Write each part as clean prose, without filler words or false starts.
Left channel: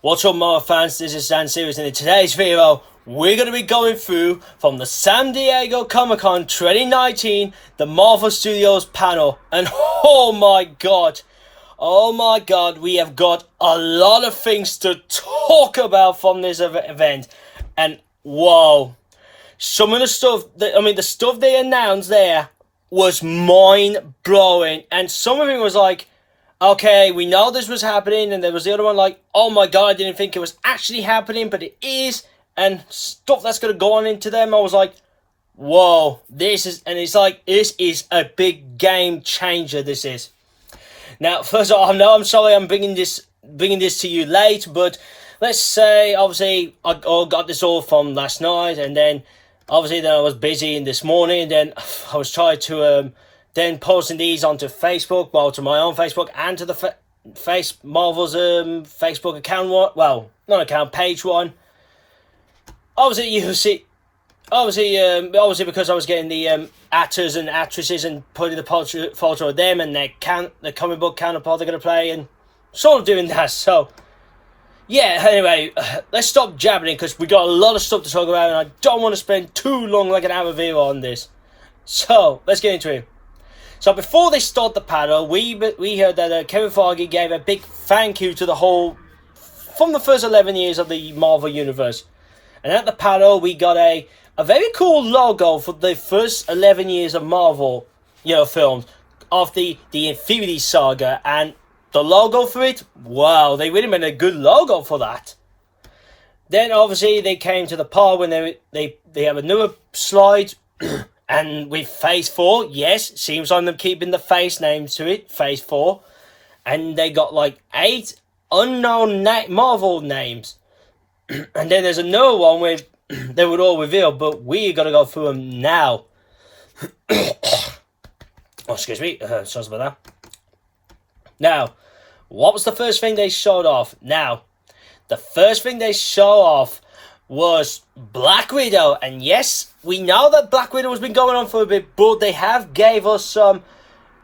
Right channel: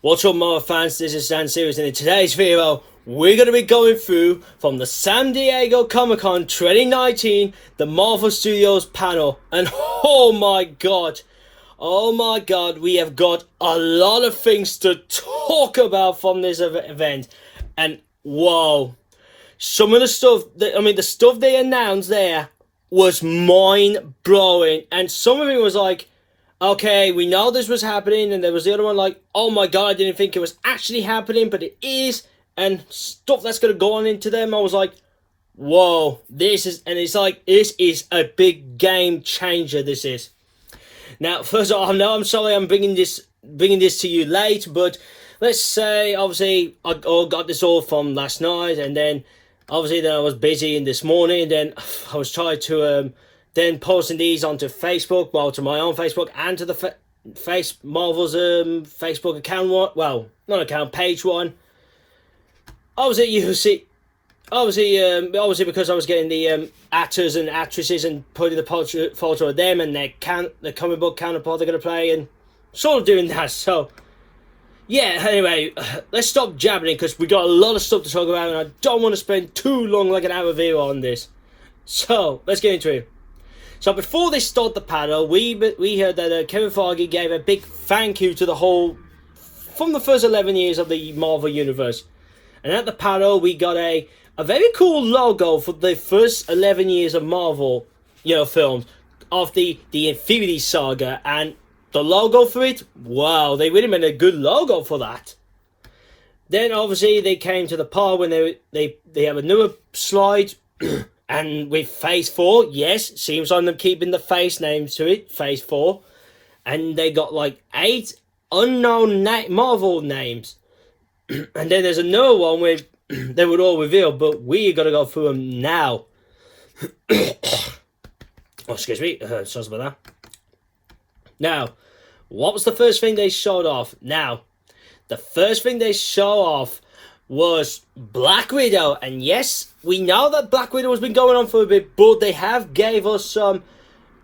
What's up, Marvel fans? This is Dan Series, and in today's video, we're going to be going through from the San Diego Comic-Con 2019, the Marvel Studios panel, and oh my god, we have got a lot of things to talk about from this event, and whoa, some of the stuff, the stuff they announced there was mind-blowing, and some of it was like, okay, we know this was happening, and there was the other one like, oh my god, I didn't think it was actually happening, but it is, and stuff that's going to go on into them. I was like, whoa, this is a big game changer, this is. Now, first of all, I'm sorry I'm bringing this to you late, but let's say, obviously, I got this all from last night, and then, obviously, then I was busy in this morning, and then I was trying to, then posting these onto Facebook, well, to my own Facebook, and to the Marvel's Facebook account one, well, not account, page one. Obviously, you see, obviously because I was getting the actors and actresses and putting the photo of them and the comic book counterpart they're going to play, and sort of doing that, so, yeah, anyway, let's stop jabbering, because we got a lot of stuff to talk about, and I don't want to spend too long, like an hour video on this. So, let's get into it. So before they start the panel, we heard that Kevin Feige gave a big thank you to the whole, from the first 11 years of the Marvel Universe. And at the panel, we got a very cool logo for the first 11 years of Marvel, films, of the Infinity Saga. And the logo for it, wow, they really made a good logo for that. Then obviously they came to the part when they have a newer slide. And with Phase 4, yes, seems like them keeping the Phase names to it, Phase 4. And they got like 8 unknown Marvel names. And then there's another one where they would all reveal, but we got to go through them now. Oh, excuse me, sorry about that. Now, what was the first thing they showed off? Now, the first thing they showed off was Black Widow, and yes, we know that Black Widow has been going on for a bit, but they have gave us some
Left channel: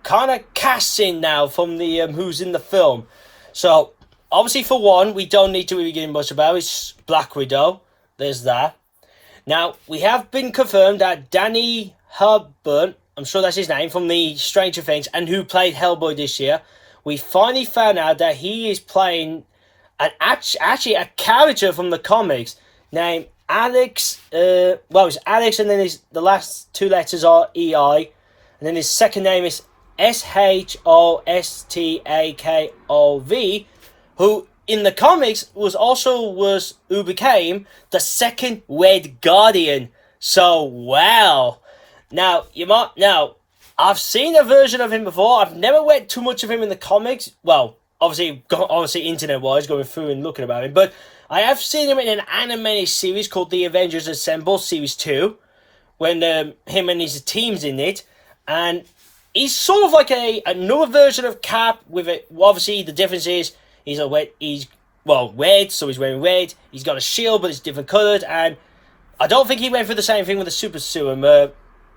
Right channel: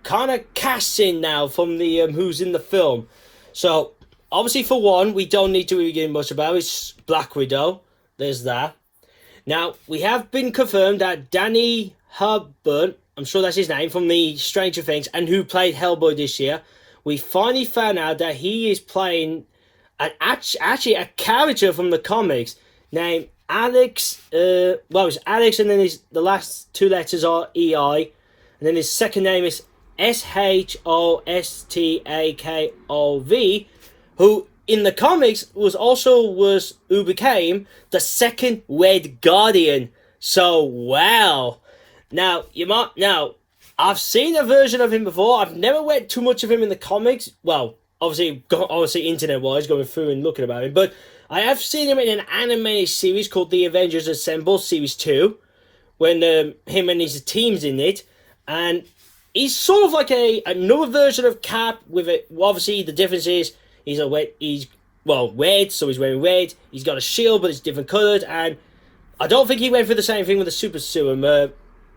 kind of casting now from the who's in the film. So obviously, for one, we don't need to really get much about it's Black Widow. There's that. Now we have been confirmed that Danny Hepburn, I'm sure that's his name, from the Stranger Things, and who played Hellboy this year. We finally found out that he is playing actually a character from the comics named Alex, it's Alex, and then the last 2 letters are EI, and then his second name is Shostakov, who in the comics who became the second Red Guardian. So wow. Now I've seen a version of him before. I've never read too much of him in the comics. Well, obviously internet wise, going through and looking about him, but I have seen him in an animated series called The Avengers Assemble Series 2, when him and his team's in it, and he's sort of like another version of Cap with it. Obviously, the difference is he's red, so he's wearing red. He's got a shield, but it's different coloured, and I don't think he went for the same thing with the super serum.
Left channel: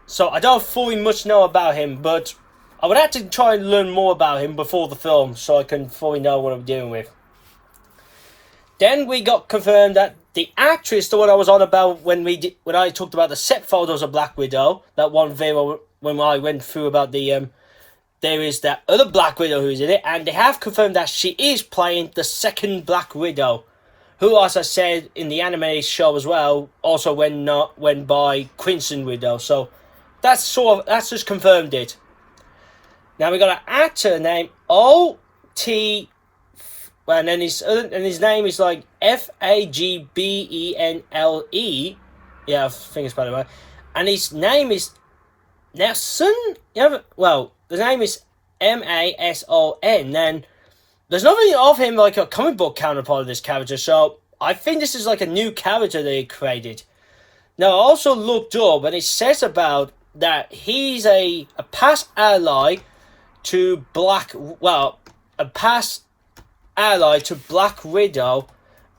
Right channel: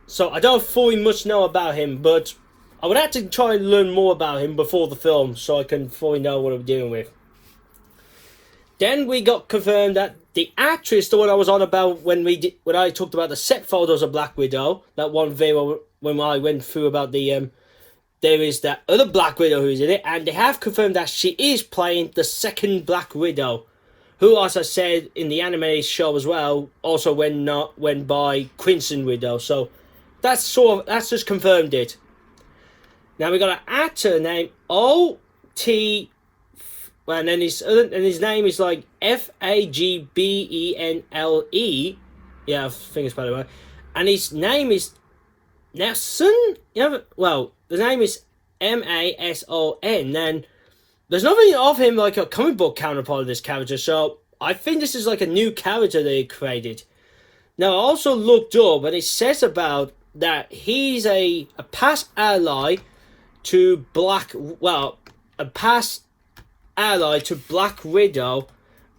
So I don't fully much know about him, but I would have to try and learn more about him before the film, so I can fully know what I'm dealing with. Then we got confirmed that the actress, the one I was on about when I talked about the set photos of Black Widow, that one video when I went through about there is that other Black Widow who's in it, and they have confirmed that she is playing the second Black Widow, who, as I said in the anime show as well, also went by Crimson Widow. So that's just confirmed it. Now we got an actor named O.T. Well, and then his name is like Fagbenle. Yeah, I think it's by the way. And his name is Mason. Yeah, well, the name is Mason. And there's nothing of him like a comic book counterpart of this character. So I think this is like a new character they created. Now I also looked up, and it says about that he's a past ally to Black Widow,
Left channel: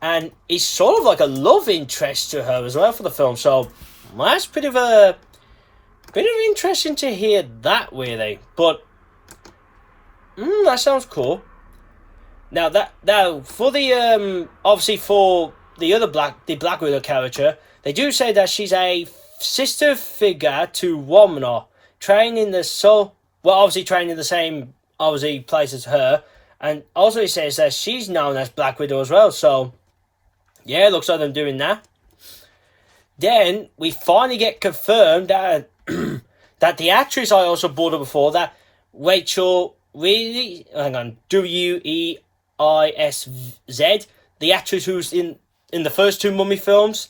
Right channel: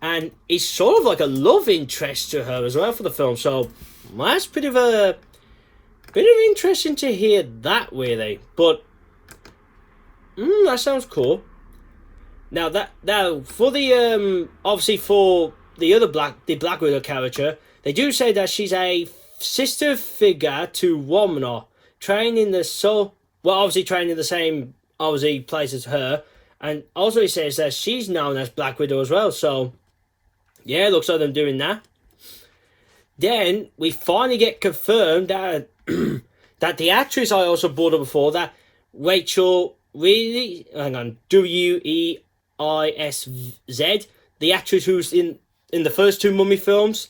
and he's sort of like a love interest to her as well for the film. So that's bit of interesting to hear that, really. But that sounds cool. Now for the obviously for the other Black Widow character, they do say that she's a sister figure to Womner, trained in the obviously trained in the same obviously place as her, and also he says that she's known as Black Widow as well. So yeah, it looks like them doing that. Then we finally get confirmed that that the actress I also brought up before, that Rachel Weisz, the actress who's in the first two Mummy films,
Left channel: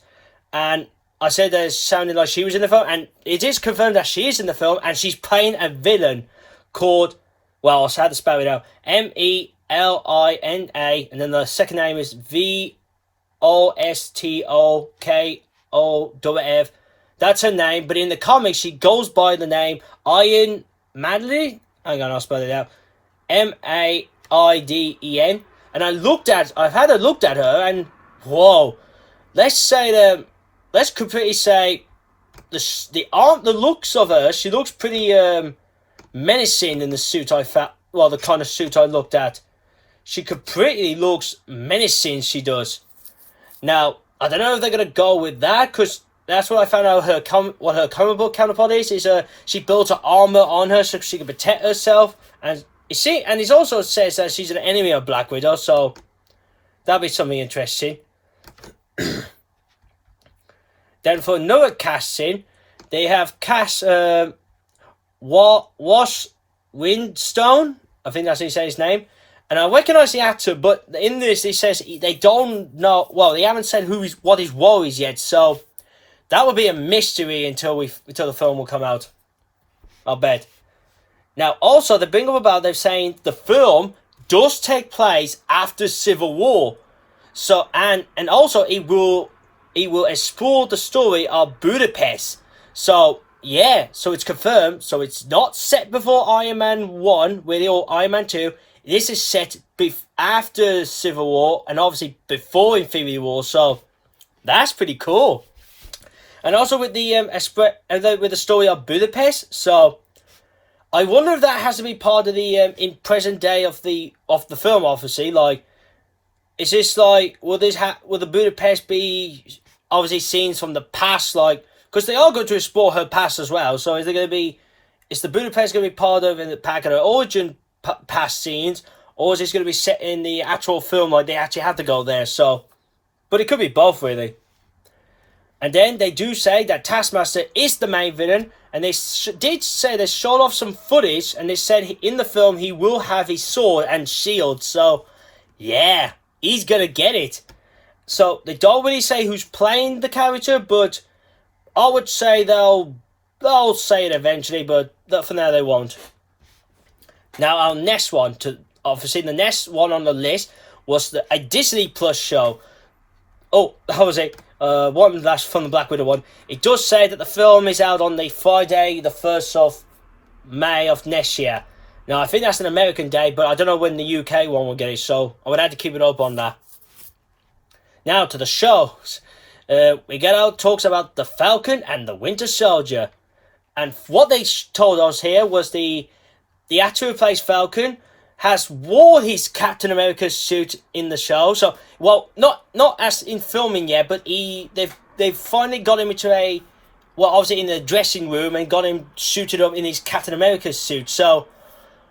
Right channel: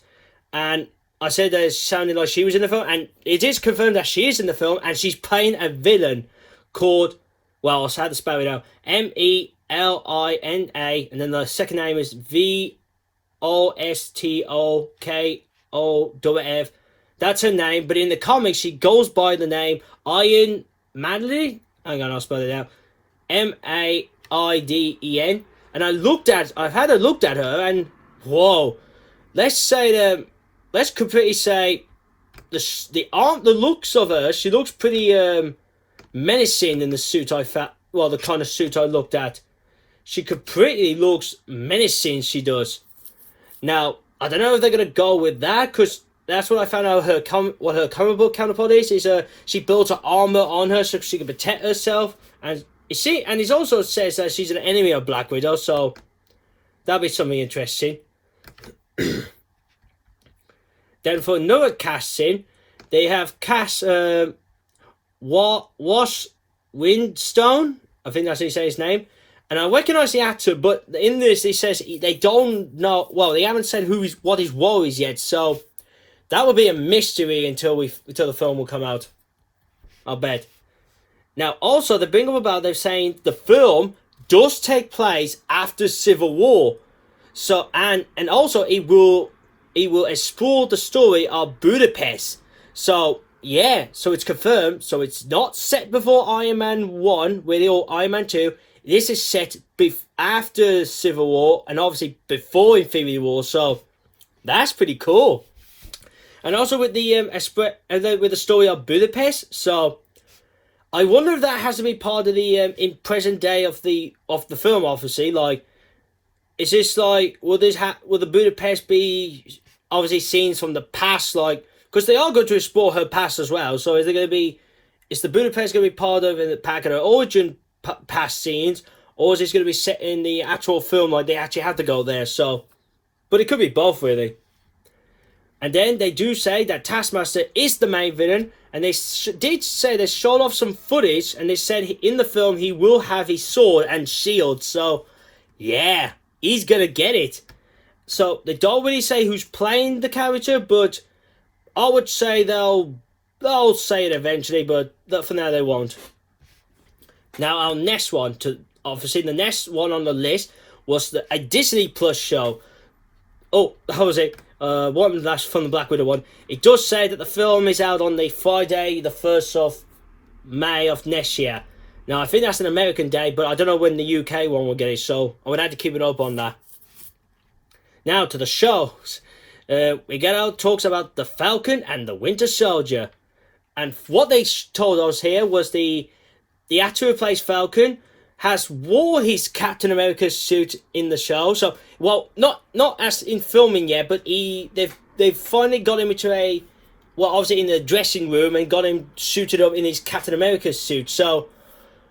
and I said that it sounded like she was in the film, and it is confirmed that she is in the film, and she's playing a villain called, well, I had to spell it out, Melina, and then the second name is Vostokoff. That's her name, but in the comics she goes by the name Iron Maiden. Hang on, I'll spell it out. Maiden. And I've had a look at her, and whoa, let's completely say the looks of her. She looks pretty menacing in the suit the kind of suit I looked at. She completely looks menacing. She does. Now I don't know if they're gonna go with that, because that's what I found out. What her comic book counterpart is she built her armor on her so she can protect herself, and you see, and it also says that she's an enemy of Black Widow, so that'll be something interesting. Then for another casting, they have cast Wash Windstone. I think that's how you say his name. And I recognise the actor, but in this he says they don't know. Well, they haven't said what his role is yet, so that will be a mystery until the film will come out, I'll bet. Now, also they bring up about they're saying the film does take place after Civil War, so and also it will explore the story of Budapest. So yeah, so it's confirmed. So it's not set before Iron Man 1 or Iron Man 2. This is set after Civil War and obviously before Infinity War. So that's pretty cool. And also with the story of Budapest. So I wonder if that has to be part of the in present day of the film. Obviously, like, is this like will the Budapest be obviously scenes from the past, like, because they are going to explore her past as well. So is the Budapest going to be part of in the pack of her origin past scenes, or is this going to be set in the actual film, like they actually have to go there? So, but it could be both really. And then they do say that Taskmaster is the main villain, and they did say they showed off some footage, and they said in the film he will have his sword and shield. So yeah, he's gonna get it. So they don't really say who's playing the character, but I would say they'll say it eventually, but for now they won't. Now our next one, obviously the next one on the list was a Disney Plus show. Oh, how was it? One last from the Black Widow one. It does say that the film is out on the Friday, the 1st of May of next year. Now I think that's an American day, but I don't know when the UK one will get it, so I would have to keep it up on that. Now to the shows. We get out talks about the Falcon and the Winter Soldier. And what they told us here was the actor who plays Falcon has wore his Captain America suit in the show. So, well, not as in filming yet, but they've finally got him into obviously in the dressing room and got him suited up in his Captain America suit. So,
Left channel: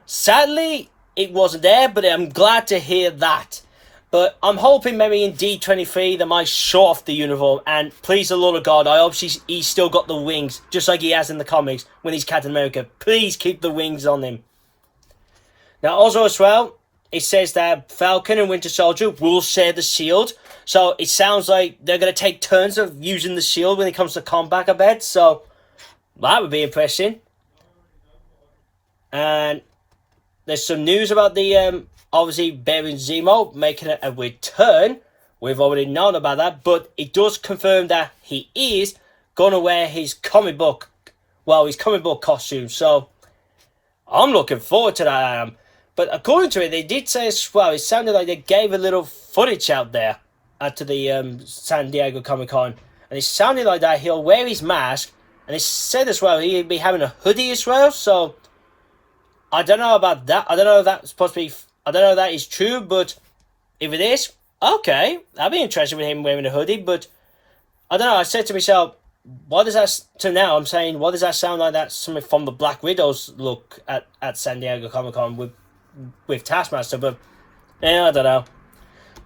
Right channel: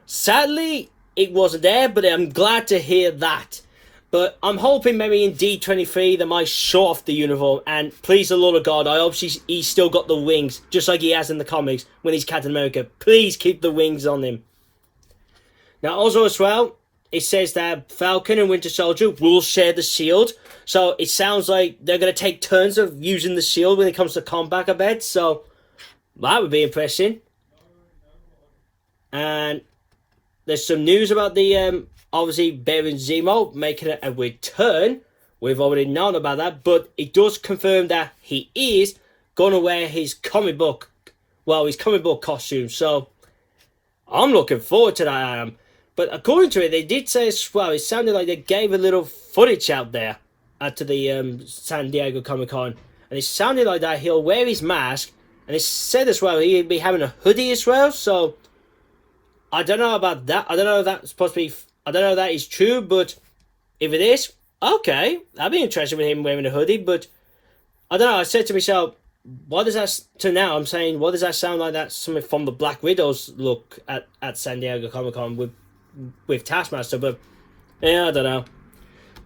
sadly, it wasn't there, but I'm glad to hear that. But I'm hoping maybe in D23 they might show off the uniform, and please the Lord of God, I hope he's still got the wings, just like he has in the comics when he's Captain America. Please keep the wings on him. Now also as well, it says that Falcon and Winter Soldier will share the shield. So it sounds like they're going to take turns of using the shield when it comes to combat, I bet. So that would be interesting. And there's some news about the, obviously, Baron Zemo making a return. We've already known about that. But it does confirm that he is going to wear his comic book costume. So I'm looking forward to that. But according to it, they did say as well, it sounded like they gave a little footage out there to the San Diego Comic-Con. And it sounded like that he'll wear his mask. And it said as well he'll be having a hoodie as well. So I don't know about that. I don't know if that's supposed to be I don't know if that is true, but if it is, okay, I'd be interested with him wearing a hoodie. But I don't know. I said to myself, what does that? To now, I'm saying, what does that sound like? That's something from the Black Widow's look at San Diego Comic Con with Taskmaster. But yeah, I don't know.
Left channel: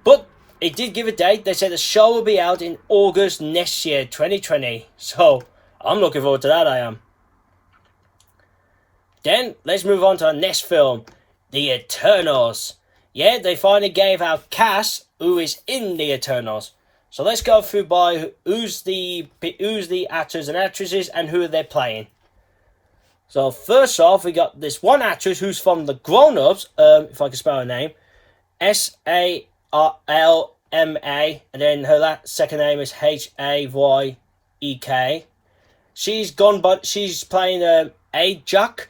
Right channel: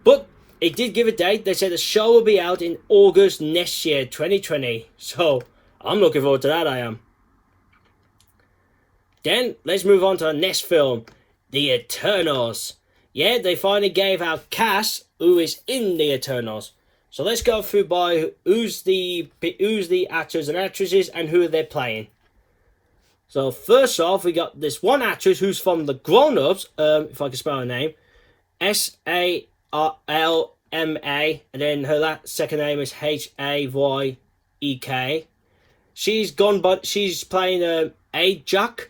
But it did give a date. They said the show will be out in August next year, 2020. So I'm looking forward to that. I am. Then let's move on to our next film, The Eternals. Yeah, they finally gave out cast who is in The Eternals. So let's go through by who's the actors and actresses and who they're playing. So first off, we got this one actress who's from The Grown Ups, if I can spell her name, Salma, and then her second name is Hayek. She's playing Ajak.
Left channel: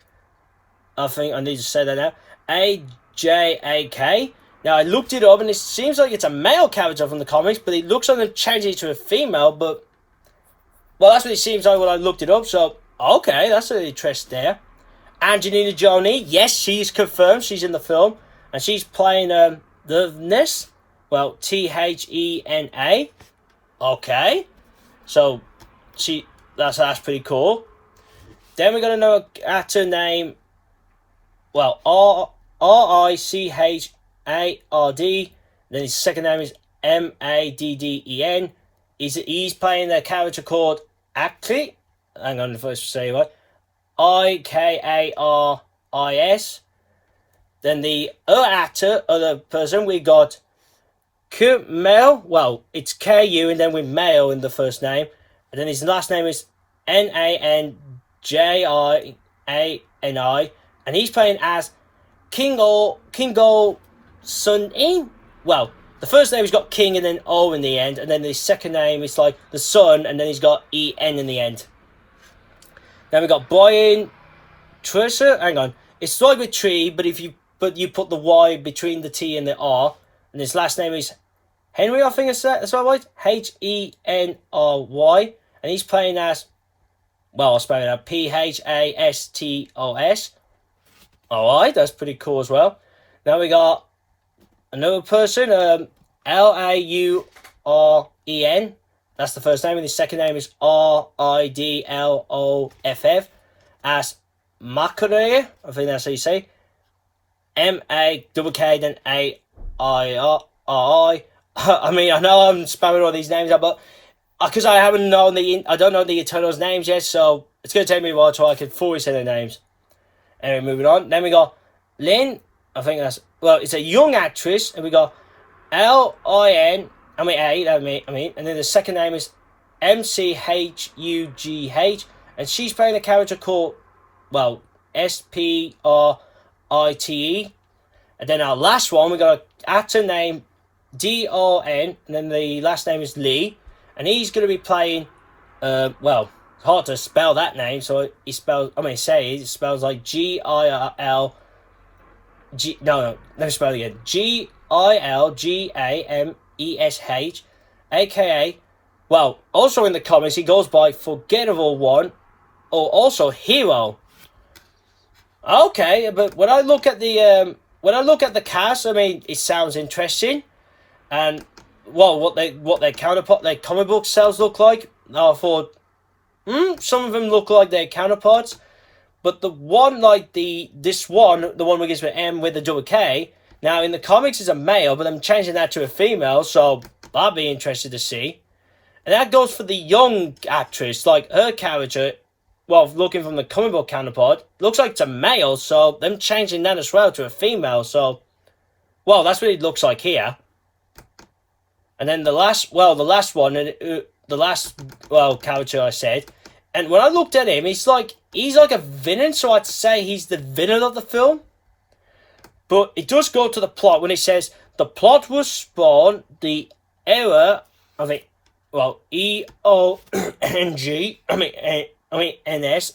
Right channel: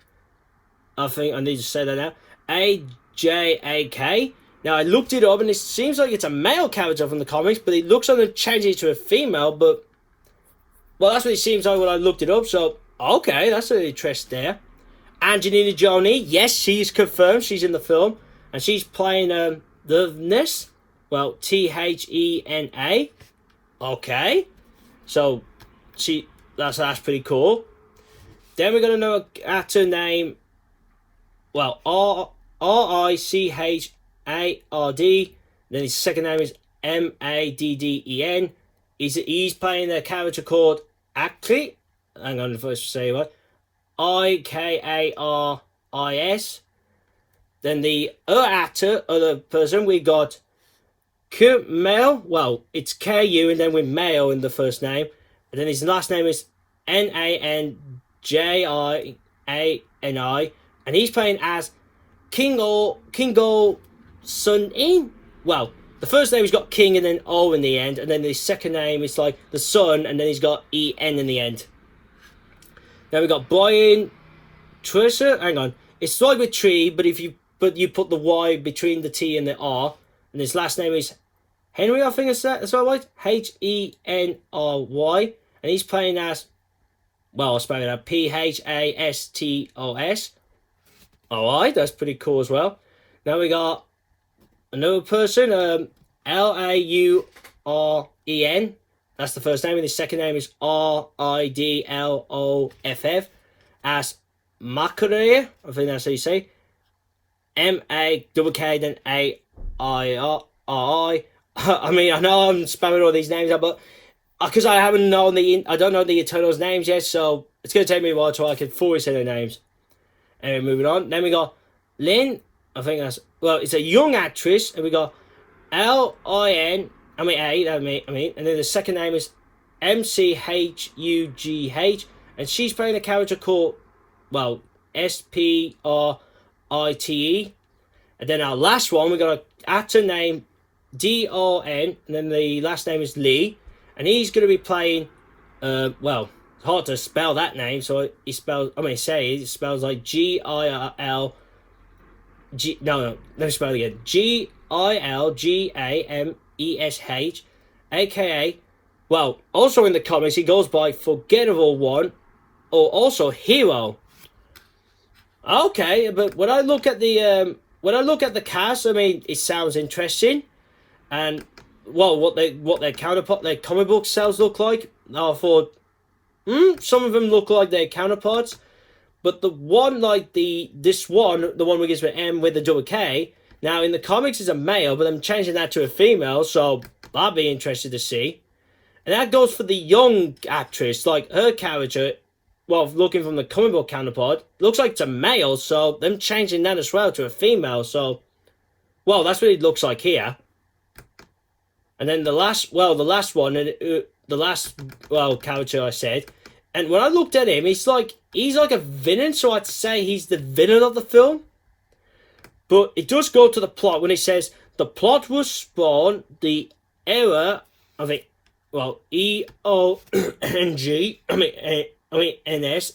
I think I need to say that now. Ajak. Now, I looked it up, and it seems like it's a male character from the comics, but it looks like they've changed it to a female, but... Well, that's what it seems like when I looked it up, so... Okay, that's an interest there. Angelina Jolie, yes, she's confirmed, she's in the film, and she's playing, the Ness. Well, Thena. Okay. So, that's pretty cool. Then we're going to know an actor named... Well, Richard. Then his second name is Madden. He's playing a character called Akli. Hang on, first say what? Ikaris. Then the other person, we got Kumail. Well, it's Ku and then with Mail in the first name. And then his last name is Nanjiani. And he's playing as Kingo Sun-in. Well, the first name he's got King and then O in the end, and then the second name is like the Sun, and then he's got E-N in the end. Then we got Brian Tresser. Hang on, it's like with tree, but you put the Y between the T and the R, and his last name is Henry. I think that's right. Henry, and he's playing as, well, I'll spell it out, Pastos. Alright, that's pretty cool as well. Now we got another person, Lauren. That's the first name, and his second name is Ridloff, as Makare. I think that's how you say. Makkk then Airi. I mean, I know I'm spamming all these names out, but because I don't know the Eternals names yet, so it's going to take me a while until I can fully say their names. Anyway, moving on. Then we got Lynn. I think that's... Well, it's a young actress. And we got Lin. And then the second name is Mchugh. And she's playing a character called... Well, Sprite. And then our last one, we got an actor named Don. And then the last name is Lee. And he's going to be playing... well... hard to spell that name, so it spells like Gil. Let me spell it again. Gilgamesh, aka, well, also in the comics he goes by Forgettable One, or also Hero. Okay, but when I look at the cast, I mean, it sounds interesting, and well, what their counterpart, their comic book sales look like. I thought. Some of them look like their counterparts, but the one the one we get with M with the double K. Now in the comics is a male, but I'm changing that to a female, so I'd be interested to see. And that goes for the young actress, like her character. Well, looking from the comic book counterpart, looks like it's a male, so them changing that as well to a female. So, well, that's what it looks like here. And then the last one. The last character I said, and when I looked at him, he's like a villain, so I'd say he's the villain of the film. But it does go to the plot when it says the plot was spawned the era of it. Well, EONG. NS.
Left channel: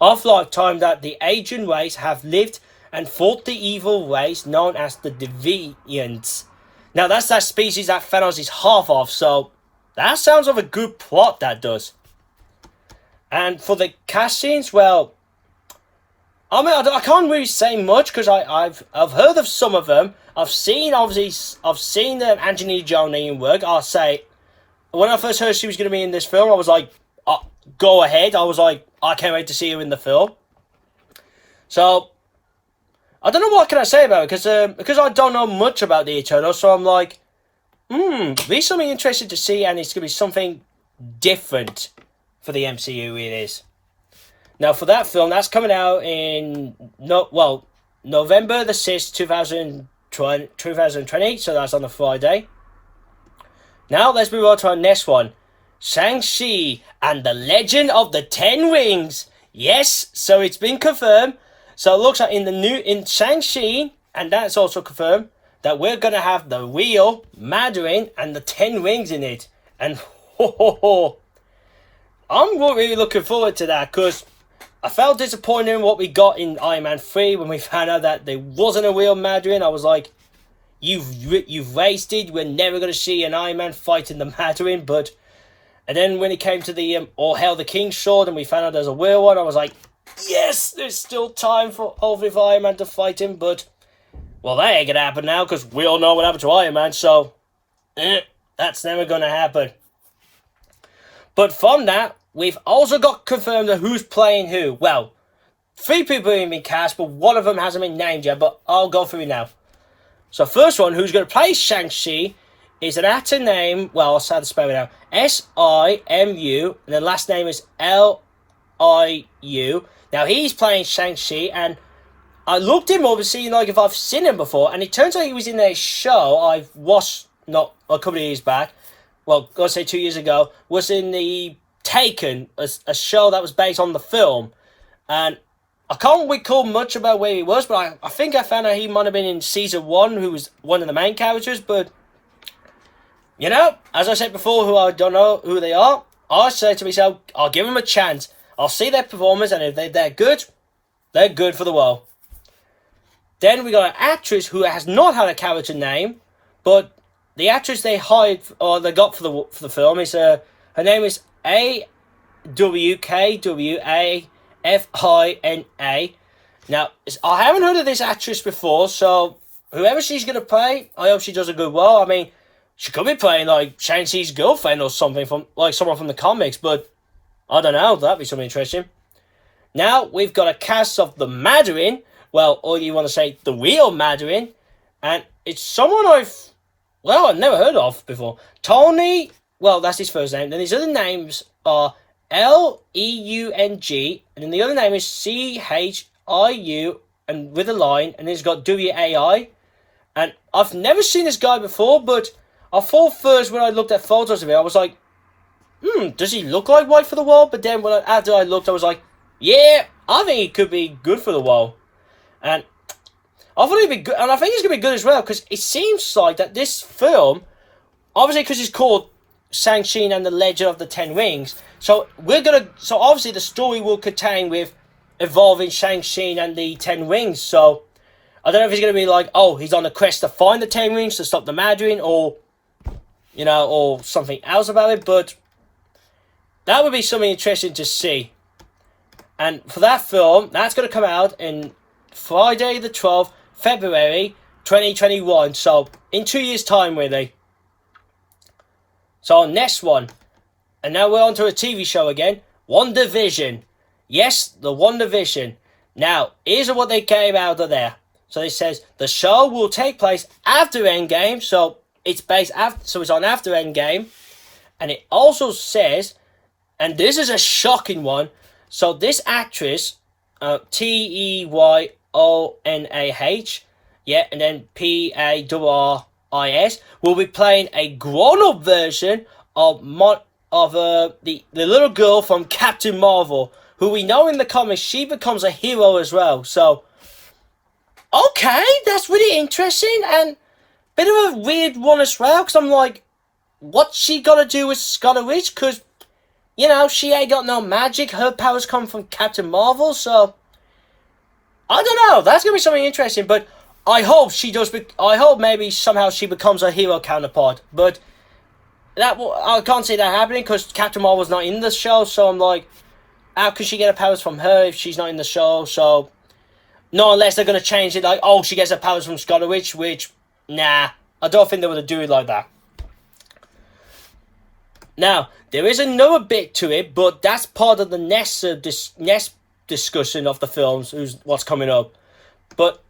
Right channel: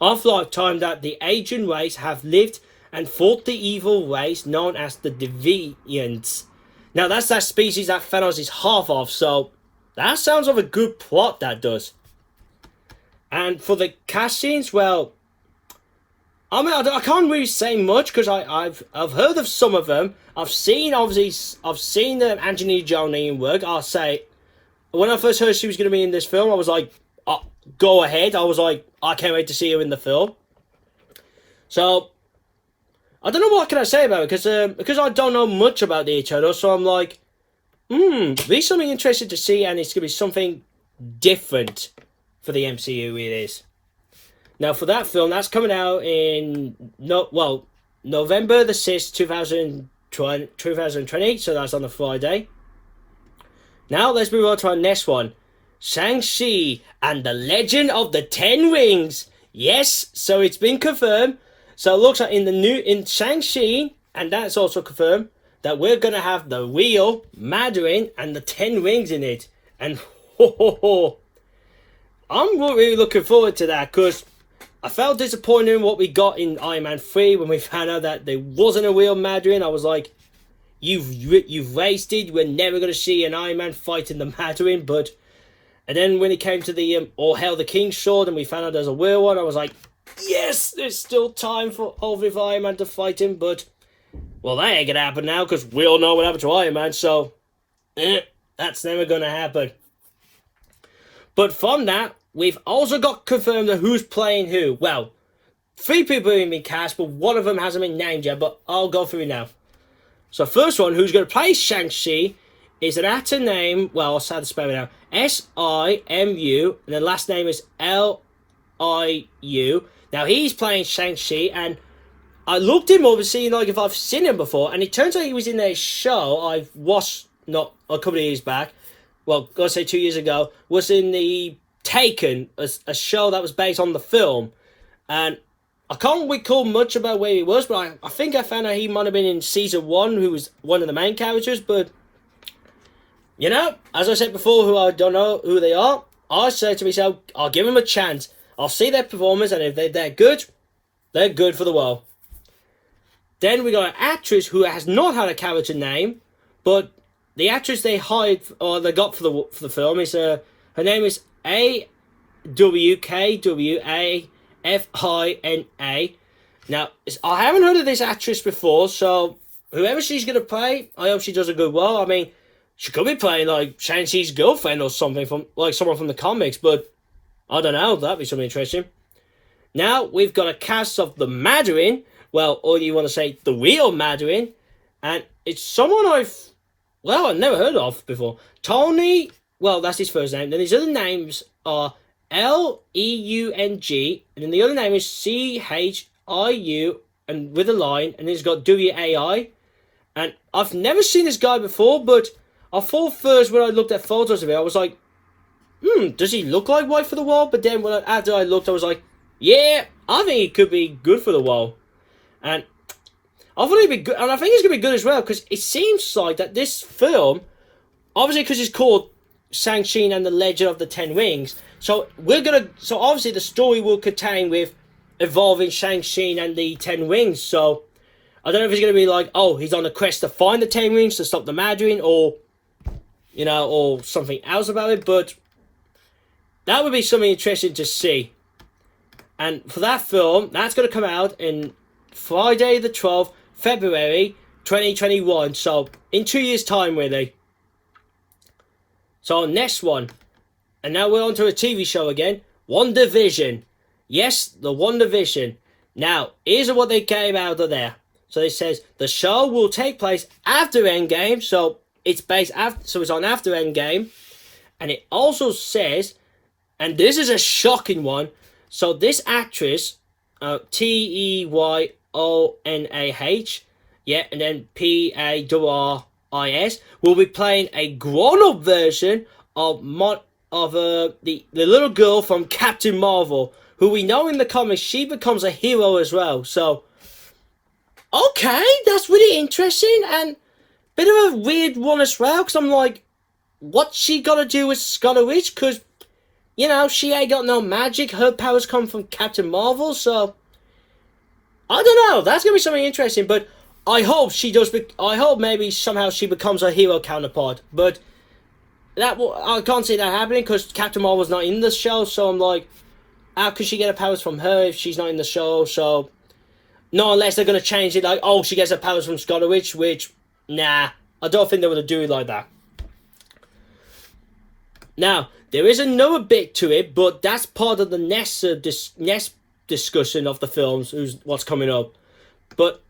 Of lifetime that the Asian race have lived and fought the evil race known as the Deviants. Now that's that species that Thanos is half of, so that sounds like a good plot, that does. And for the castings, well, I mean, I can't really say much because I've heard of some of them. I've seen Angelina Jolie in work. I'll say when I first heard she was going to be in this film, I was like, go ahead. I was like, I can't wait to see her in the film. So I don't know what can I say about it because I don't know much about the Eternals. So I'm like, be something interesting to see, and it's going to be something different for the MCU. It is. Now, for that film, that's coming out in November the 6th, 2020, so that's on a Friday. Now, let's move on to our next one. Shang-Chi and the Legend of the Ten Rings. Yes, so it's been confirmed. So it looks like in Shang-Chi, and that's also confirmed, that we're going to have the real Mandarin and the Ten Rings in it. And I'm really looking forward to that, because I felt disappointed in what we got in Iron Man 3 when we found out that there wasn't a real Mandarin. I was like, you've wasted. We're never going to see an Iron Man fighting the Mandarin. And then when it came to the All Hail the King sword and we found out there's a real one, I was like, yes, there's still time for Iron Man to fight him. But, well, that ain't going to happen now because we all know what happened to Iron Man. So, that's never going to happen. But from that, we've also got confirmed that who's playing who. Well, 3 people have been cast, but one of them hasn't been named yet, but I'll go through now. So first one, who's going to play Shang-Chi, is an actor named, well, I'll say the spell it out, Simu, and the last name is Liu. Now, he's playing Shang-Chi, and I looked him up to see if I've seen him before, and it turns out he was in a show I've watched, not a couple of years back, well, I'll say 2 years ago, was in the Taken, a show that was based on the film, and I can't recall much about where he was, but I think I found out he might have been in season 1, who was one of the main characters, but, as I said before, who I don't know who they are, I said to myself, I'll give them a chance, I'll see their performance, and if they're good for the world. Then we got an actress who has not had a character name, but the actress they hired, or they got for the film, is, her name is AWKWAFINA. Now, I haven't heard of this actress before, so whoever she's going to play, I hope she does a good role. I mean, she could be playing, like, Shang-Chi's girlfriend or something, someone from the comics, but I don't know, that'd be something interesting. Now, we've got a cast of the Mandarin, well, or you want to say the real Mandarin, and it's someone I've never heard of before. Tony, well, that's his first name. Then his other names are Leung, and then the other name is Chiu, and with a line, and he's got WAI. And I've never seen this guy before, but I thought first when I looked at photos of him, I was like, does he look like White for the Wall? But then after I looked, I was like, yeah, I think he could be good for the Wall. And I thought he'd be good, and I think he's going to be good as well, because it seems like that this film, obviously because it's called Shang-Chi and the Legend of the Ten Rings, so obviously the story will contain with involving Shang-Chi and the Ten Rings, so I don't know if he's going to be like, he's on the quest to find the Ten Rings to stop the Mandarin, or something else about it, but that would be something interesting to see. And for that film, that's going to come out in Friday the 12th, February 2021, so in 2 years' time, really. So, next one, and now we're on to a TV show again, WandaVision. Yes, the WandaVision. Now, here's what they came out of there. So it says, the show will take place after Endgame, so it's it's on after Endgame, and it also says, and this is a shocking one, so this actress, Teyonah, and then Paris, will be playing a grown-up version of the little girl from Captain Marvel, who we know in the comics, she becomes a hero as well. So, okay, that's really interesting, and bit of a weird one as well, because I'm like, what's she got to do with Scarlet Witch? Because, she ain't got no magic, her powers come from Captain Marvel, so I don't know, that's going to be something interesting, but I hope I hope maybe somehow she becomes a hero counterpart, but I can't see that happening because Captain Marvel's not in the show, so I'm like, how can she get her powers from her if she's not in the show? So Not unless they're going to change it like, oh, she gets her powers from Scarlet Witch, which, nah, I don't think they would do it like that. Now, there is another bit to it, but that's part of the next discussion of the films, what's coming up. But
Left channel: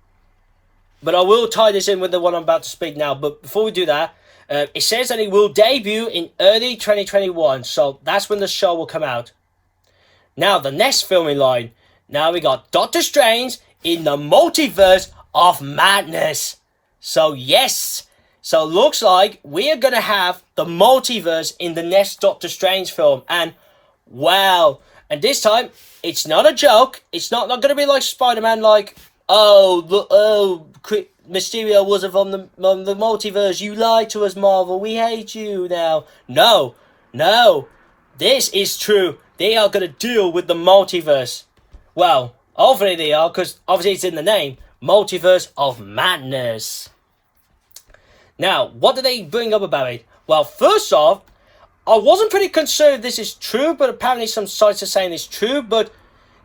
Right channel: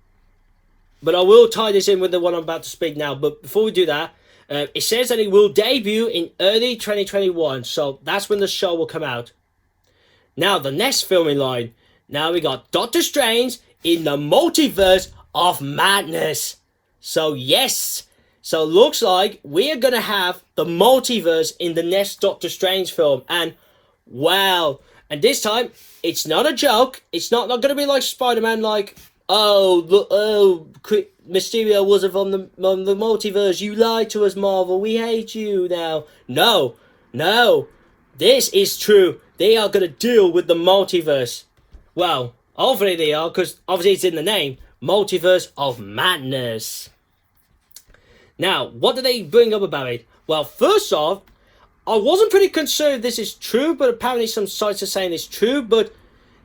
I will tie this in with the one I'm about to speak now. But before we do that, it says that it will debut in early 2021, so that's when the show will come out. Now, the next filming line. Now we got Doctor Strange in the Multiverse of Madness. So yes, so looks like we are going to have the multiverse in the next Doctor Strange film. And wow, and this time, it's not a joke. It's not going to be like Spider-Man, like, Mysterio wasn't from the multiverse. You lied to us, Marvel. We hate you now. No. This is true. They are going to deal with the multiverse. Well, hopefully they are, because obviously it's in the name. Multiverse of Madness. Now, what did they bring up about it? Well, first off, I wasn't pretty concerned if this is true, but apparently some sites are saying it's true, but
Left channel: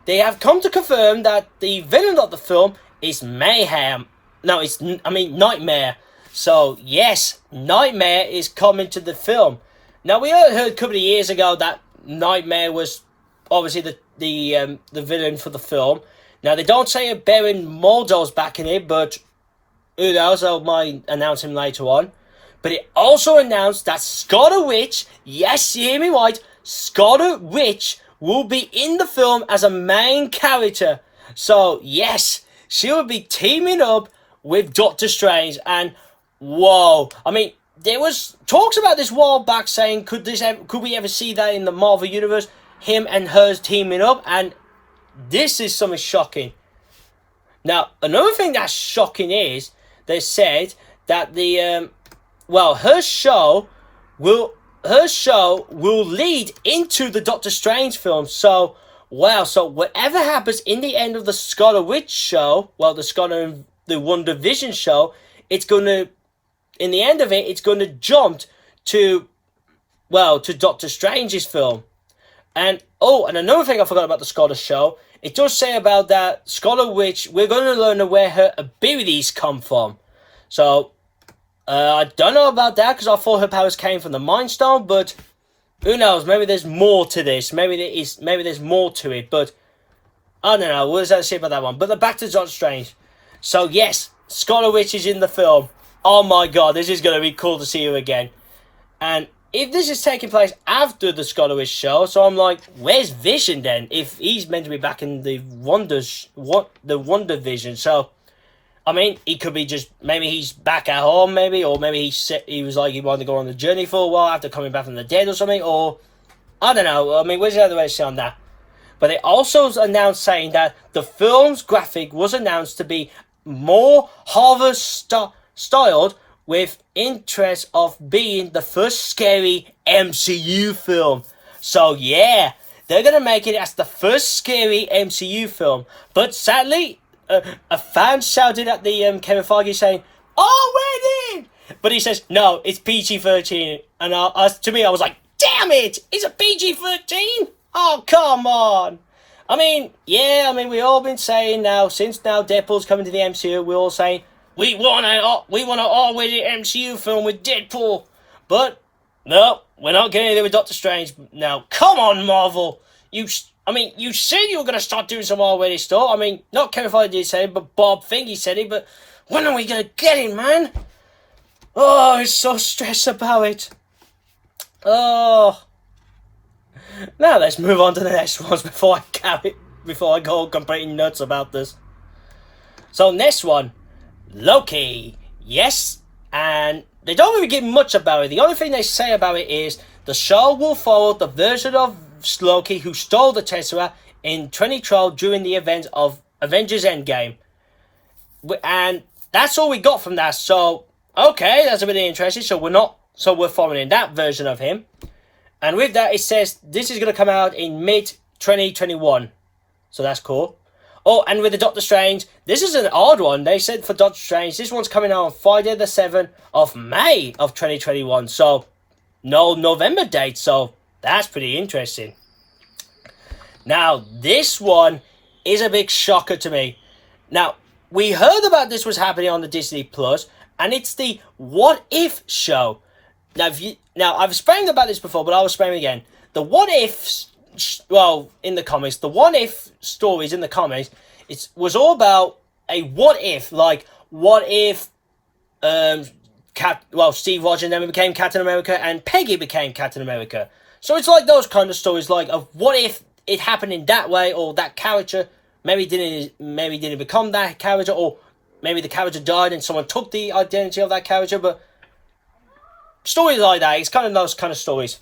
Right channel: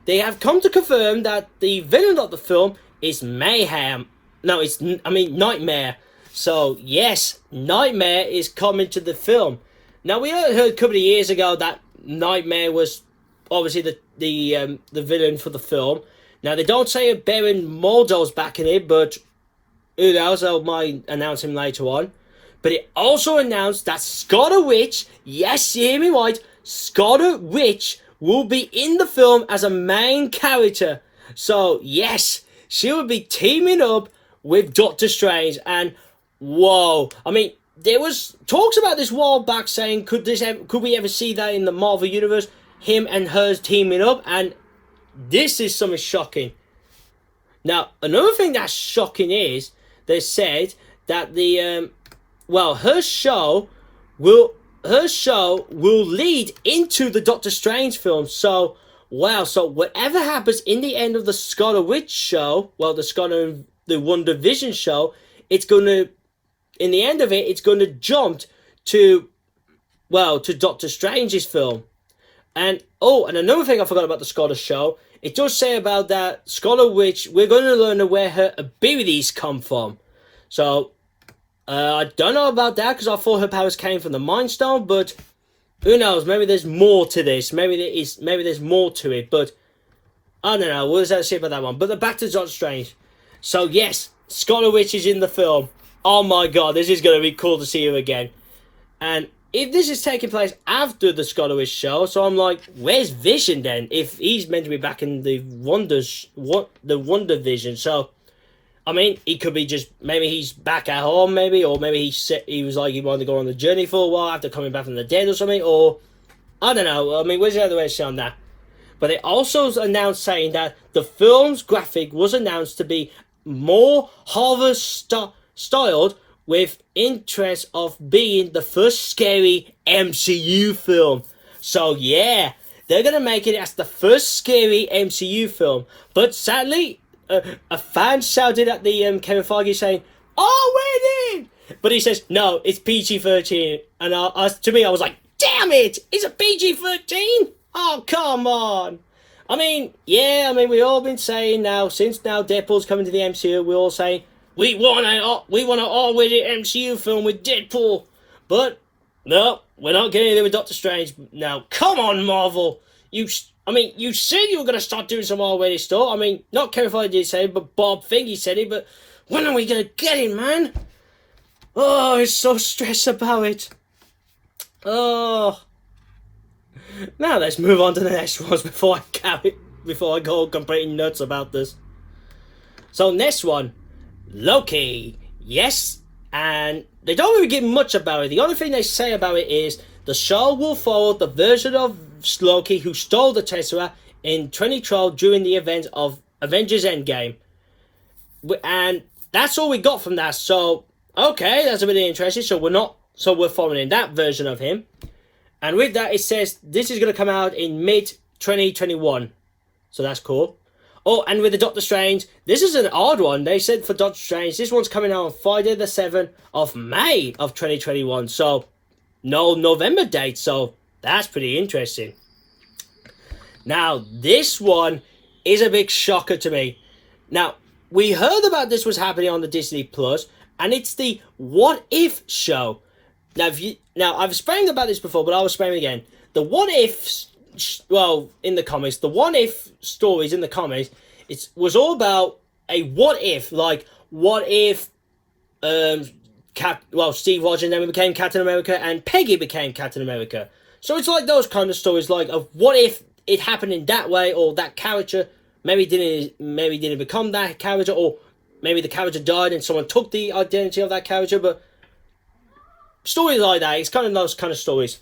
they have come to confirm that the villain of the film is Mayhem. No, Nightmare. So, yes, Nightmare is coming to the film. Now, we heard a couple of years ago that Nightmare was obviously the villain for the film. Now, they don't say Baron Mordo's back in it, but who knows, I might announce him later on. But it also announced that Scarlet Witch, yes, you hear me right, Scarlet Witch will be in the film as a main character. So, yes, she will be teaming up with Doctor Strange. And, whoa, I mean, there was talks about this a while back saying, could we ever see that in the Marvel Universe? Him and hers teaming up, and this is something shocking. Now, another thing that's shocking is, they said that her show will lead into the Doctor Strange film. So, wow, so whatever happens in the end of the Scarlet Witch show, the WandaVision show, it's going to, in the end of it, it's going to jump to Doctor Strange's film. And another thing I forgot about the Scarlet show, it does say about that Scarlet Witch, we're going to learn where her abilities come from. So, I don't know about that, because I thought her powers came from the Mind Stone, but who knows, maybe there's more to this, maybe there's more to it, but I don't know, what does that say about that one? But back to Doctor Strange. So yes, Scarlet Witch is in the film. Oh my god, this is going to be cool to see her again. And if this is taking place after the Scarlet Witch show, so I'm like, where's Vision then? If he's meant to be back in the WandaVision, so I mean, he could be just, maybe he's back at home, maybe, or maybe he was like he wanted to go on the journey for a while after coming back from the dead or something, or I don't know. I mean, where's the other way to say on that? But they also announced saying that the film's graphic was announced to be more horror-styled, with interest of being the first scary MCU film. So yeah, they're going to make it as the first scary MCU film. But sadly, a fan shouted at the Kevin Feige saying, "Oh, we're in!" But he says, no, it's PG-13. And to me, I was like, damn it, it's a PG-13? Oh, come on. I mean, we all been saying now, since now Deadpool's coming to the MCU, we're all saying, we want an R-rated MCU film with Deadpool. But, no, we're not getting there with Doctor Strange. Now, come on, Marvel. You said you were going to start doing some R-rated stuff. I mean, not Kevin Feige did say it, but Bob Figgy said it. But when are we going to get it, man? Oh, I'm so stressed about it. Oh. Now let's move on to the next ones before I go completely nuts about this. So, next one. Loki. Yes, and they don't really give much about it. The only thing they say about it is the show will follow the version of Loki who stole the Tesseract in 2012 during the events of Avengers Endgame. And that's all we got from that. So, okay, that's a bit interesting. So we're following that version of him. And with that, it says this is going to come out in mid-2021. So that's cool. Oh, and with the Doctor Strange, this is an odd one. They said for Doctor Strange, this one's coming out on Friday the 7th of May of 2021. So, no November date. So, that's pretty interesting. Now, this one is a big shocker to me. Now, we heard about this was happening on the Disney Plus, and it's the What If show. Now, I've spoken about this before, but I'll explain again. The What If, well, in the comics, the What If stories in the comics, it was all about a what if, like, what if, Steve Rogers never became Captain America and Peggy became Captain America. So it's like those kind of stories, like, of what if it happened in that way, or that character maybe didn't become that character, or maybe the character died and someone took the identity of that character. But stories like that, it's kind of those kind of stories.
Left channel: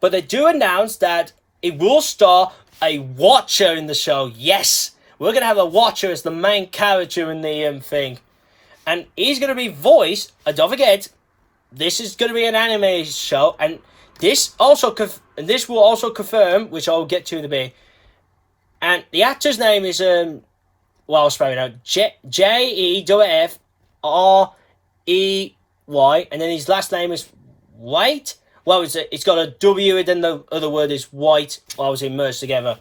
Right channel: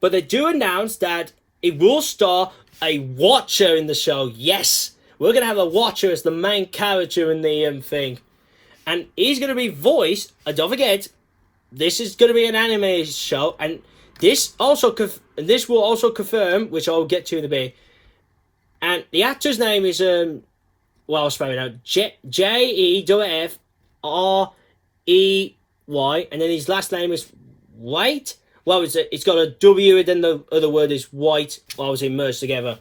But they do announce that it will star a Watcher in the show. Yes, we're going to have a Watcher as the main character in the thing. And he's going to be voiced, and don't forget, this is going to be an anime show, and this will also confirm, which I'll get to in a bit. And the actor's name is I'll spell it out, Jeffrey, and then his last name is White. Well, it's got a W, and then the other word is White. Merged together,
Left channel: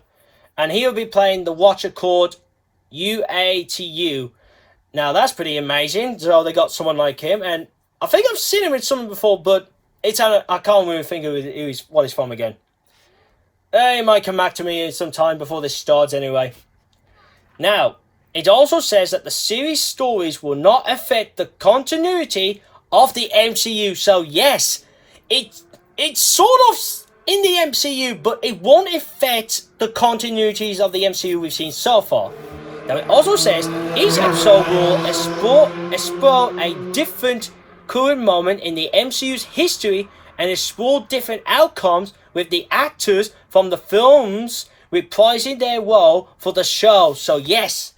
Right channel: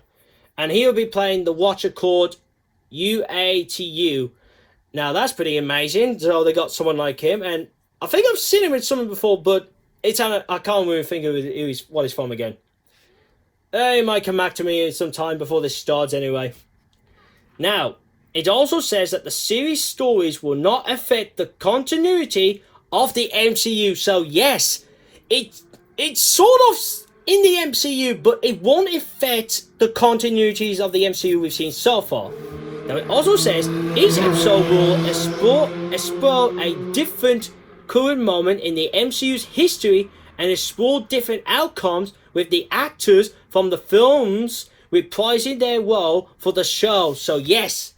and he'll be playing the Watcher called Uatu. Now that's pretty amazing. So they got someone like him, and I think I've seen him with someone before, but I can't really think of what he's from again. He might come back to me sometime before this starts anyway. Now, it also says that the series stories will not affect the continuity of the MCU. So yes, it's sort of in the MCU, but it won't affect the continuities of the MCU we've seen so far. Now, it also says each episode will explore a different current moment in the MCU's history and explore different outcomes with the actors from the films reprising their role for the show. So yes,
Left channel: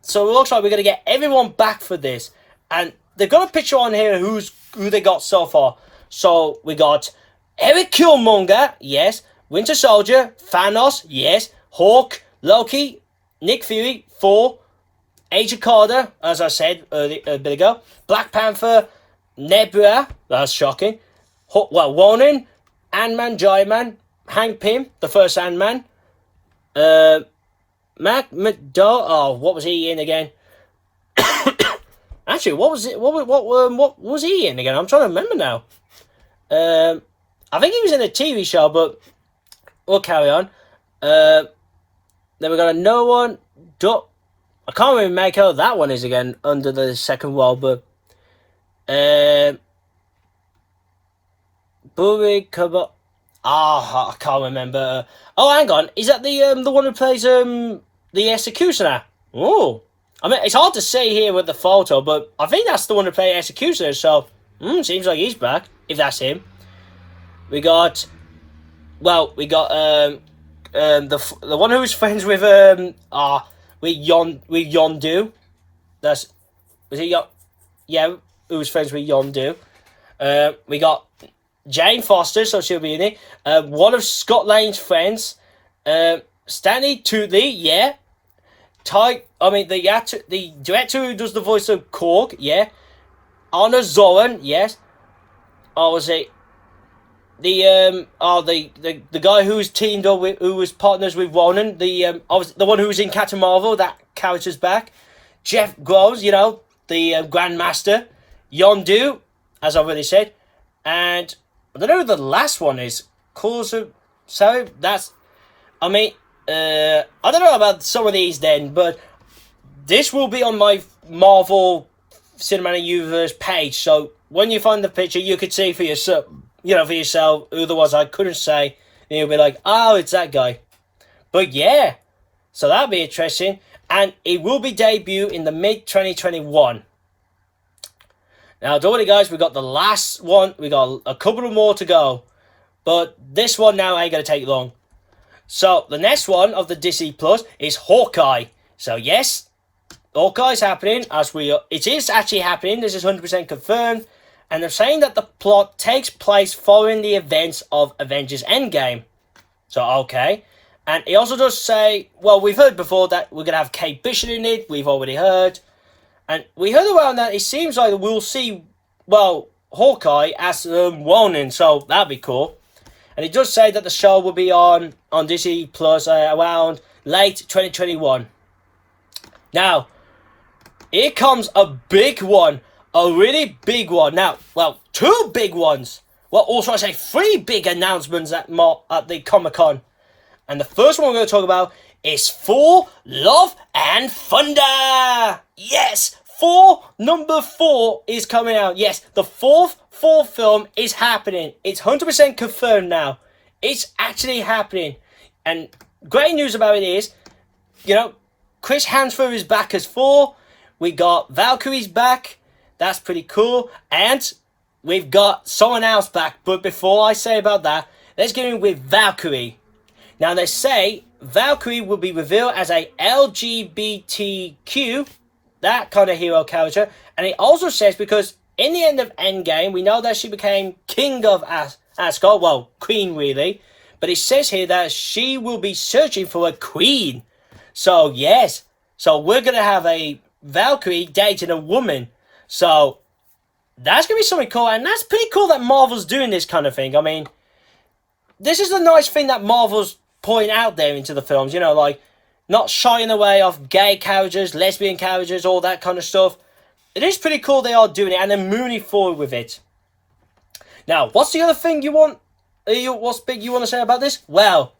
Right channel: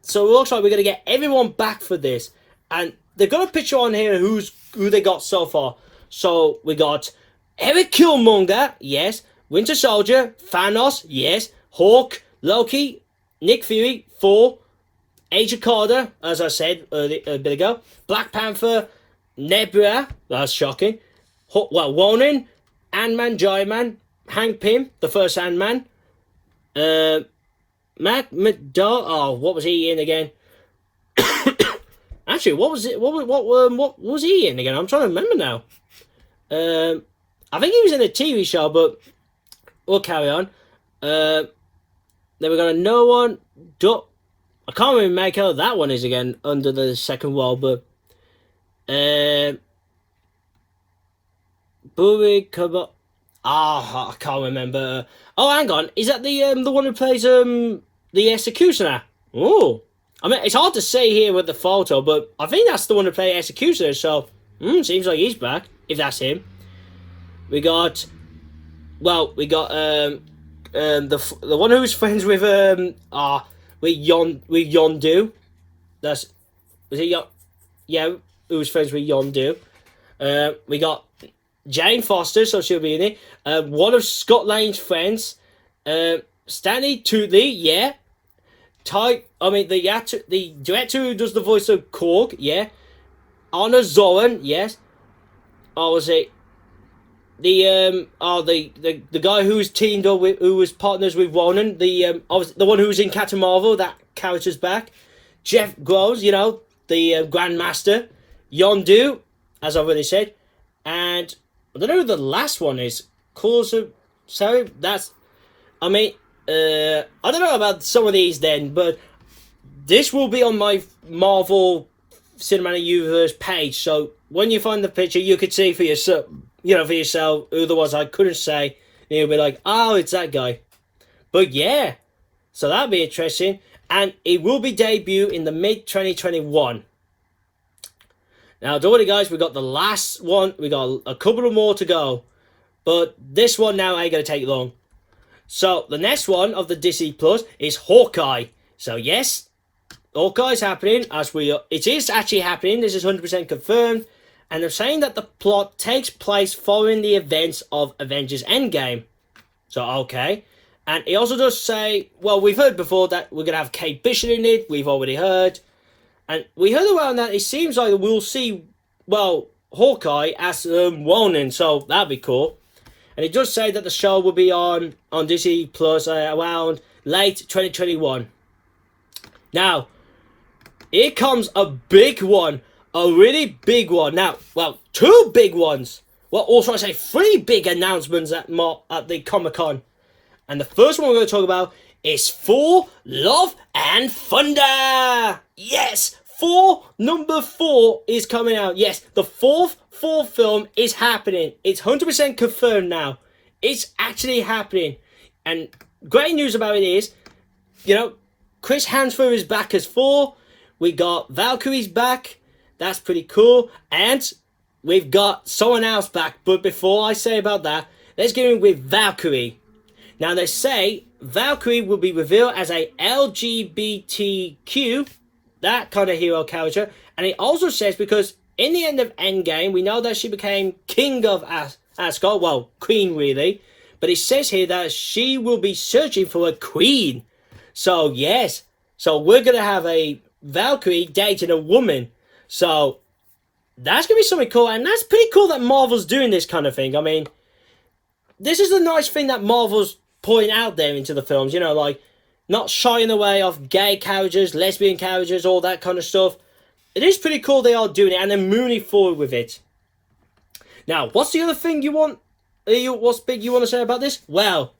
so it looks like we're going to get everyone back for this. And they've got a picture on here who they got so far. So we got Eric Killmonger, yes. Winter Soldier, Thanos, yes. Hawk, Loki, Nick Fury, Thor, Agent Carter, as I said a bit ago. Black Panther, Nebula, that's shocking. Ronan, Ant-Man, Giant-Man, Hank Pym, the first Ant-Man. Mac McDowell, what was he in again? Actually, what was he in again? I'm trying to remember now. I think he was in a TV show, but we'll carry on. Then we got another one. I can't really make out that one is again under the second wall, but Buri Kaba. I can't remember. Oh, hang on. Is that the one who plays the Executioner? Oh, I mean, it's hard to say here with the photo, but I think that's the one who plays Executioner. So, seems like he's back. If that's him, we got the one who's friends with Yondu. Who's friends with Yondu. We got Jane Foster, so she'll be in it. One of Scott Lang's friends, Stanley Tutley, yeah. The director who does the voice of Korg, yeah. Anna Zoran, yes. Or was it the guy who's teamed up with, who was partners with Ronan, the one who was in Captain Marvel, that character's back. Jeff Groves, the Grandmaster. Yondu, as I've already said, and I don't know who the last one is. Sorry, I don't know about some of these then, but this will be on my Marvel Cinematic Universe page. So when you find the picture, you could see for yourself, who there was. I couldn't say. You'll be like, oh, it's that guy. But yeah, so that'll be interesting, and it will be debut in the mid-2021. Now, don't worry, guys. We got the last one. We got a couple of more to go, but this one now ain't gonna take long. So the next one of the Disney Plus is Hawkeye. So yes, Hawkeye's happening it is actually happening. This is 100% confirmed, and they're saying that the plot takes place following the events of Avengers Endgame. So okay, and he also does say, well, we've heard before that we're gonna have Kate Bishop in it. We've already heard, and we heard around that it seems like we'll see, Hawkeye as Ronin. So that'd be cool. And it does say that the show will be on Disney Plus around late 2021. Now, here comes a big one. A really big one. Now, well, two big ones. Well, also I say three big announcements at the Comic-Con. And the first one we're going to talk about is Thor: Love and Thunder. Yes, number 4 is coming out. Yes, the fourth film is happening. It's 100% confirmed now. It's actually happening. And great news about it is, Chris Hemsworth is back as Thor. We got Valkyrie's back. That's pretty cool. And we've got someone else back. But before I say about that, let's get in with Valkyrie. Now, they say Valkyrie will be revealed as a LGBTQ, that kind of hero character. And it also says, because in the end of Endgame, we know that she became King of Asgard. Well, Queen, really. But it says here that she will be searching for a queen. So, yes. So, we're going to have a Valkyrie dating a woman. So, that's going to be something cool. And that's pretty cool that Marvel's doing this kind of thing. I mean, this is the nice thing that Marvel's putting out there into the films. Like, not shying away off gay characters, lesbian characters, all that kind of stuff. It is pretty cool they are doing it. And they're moving forward with it. Now, what's the other thing you want? What's big you want to say about this? Well,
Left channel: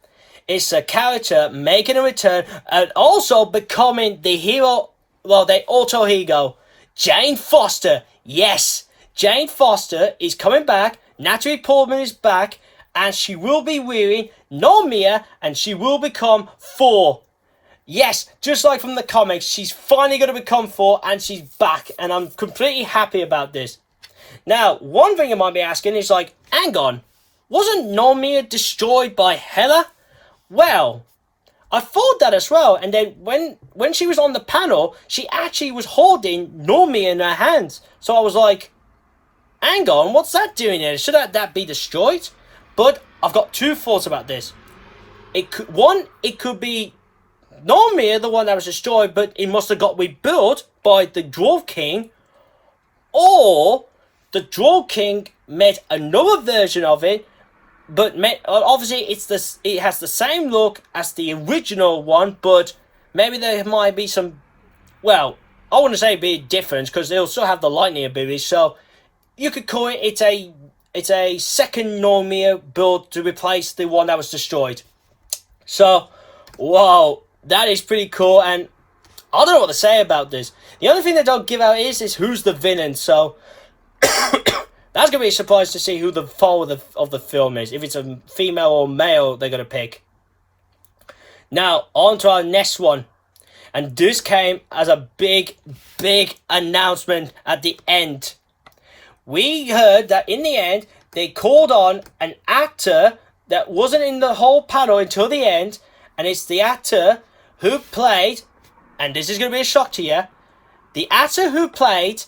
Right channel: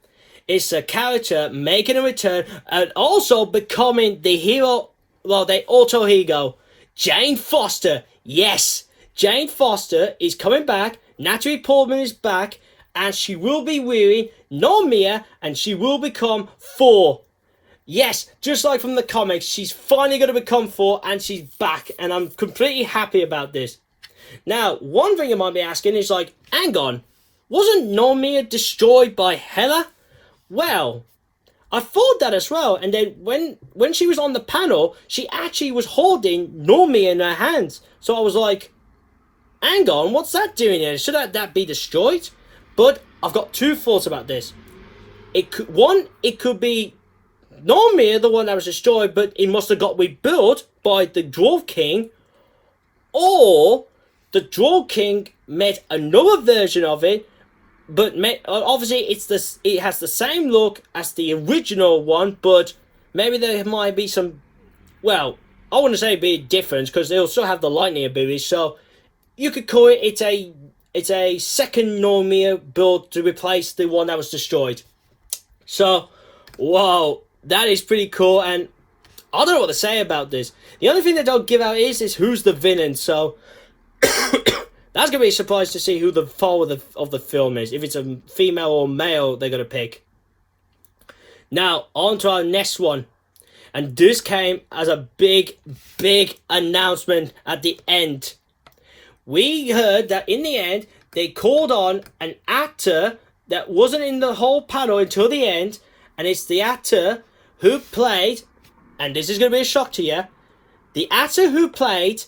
it's a character making a return and also becoming the hero. Well, the alter ego. Jane Foster. Yes, Jane Foster is coming back. Natalie Portman is back. And she will be wearing Normir. And she will become Thor. Yes, just like from the comics. She's finally going to become Thor. And she's back. And I'm completely happy about this. Now, one thing you might be asking is like, hang on. Wasn't Normir destroyed by Hela? Well, I thought that as well. And then when she was on the panel, she actually was holding Normir in her hands. So I was like, hang on, what's that doing there? Should that be destroyed? But I've got two thoughts about this. It could be Normir, the one that was destroyed, but it must have got rebuilt by the Dwarf King. Or the Dwarf King made another version of it. But obviously, it has the same look as the original one, but maybe there might be some, well, I wouldn't say big difference because they'll still have the lightning abilities. So you could call it it's a second Normir build to replace the one that was destroyed. So, wow, that is pretty cool, and I don't know what to say about this. The only thing they don't give out is who's the villain. So. That's going to be a surprise to see who the foe of the film is. If it's a female or male they're going to pick. Now, on to our next one. And this came as a big, big announcement at the end. We heard that in the end, they called on an actor that wasn't in the whole panel until the end. And it's the actor who played, and this is going to be a shock to you, the actor who played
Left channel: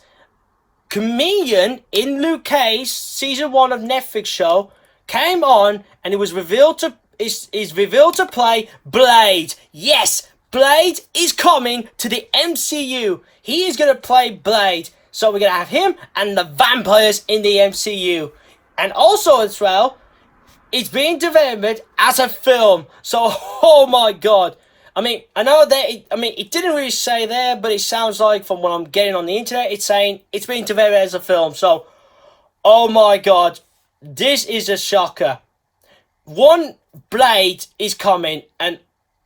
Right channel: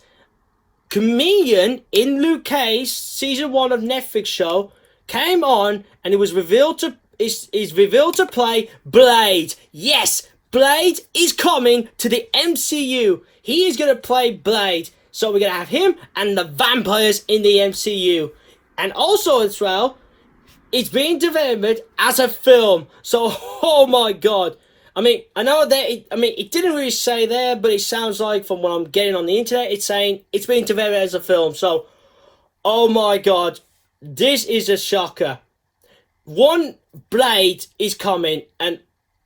comedian in Luke Cage season 1 of Netflix show came on and it was revealed to is revealed to play Blade. Yes, Blade is coming to the MCU. He is going to play Blade. So we're going to have him and the vampires in the MCU. And also as well, it's being developed as a film. So, oh my god. I mean, I know that, it didn't really say there, but it sounds like from what I'm getting on the internet, it's saying it's being developed as a film. So, oh my god, this is a shocker. One, Blade is coming, and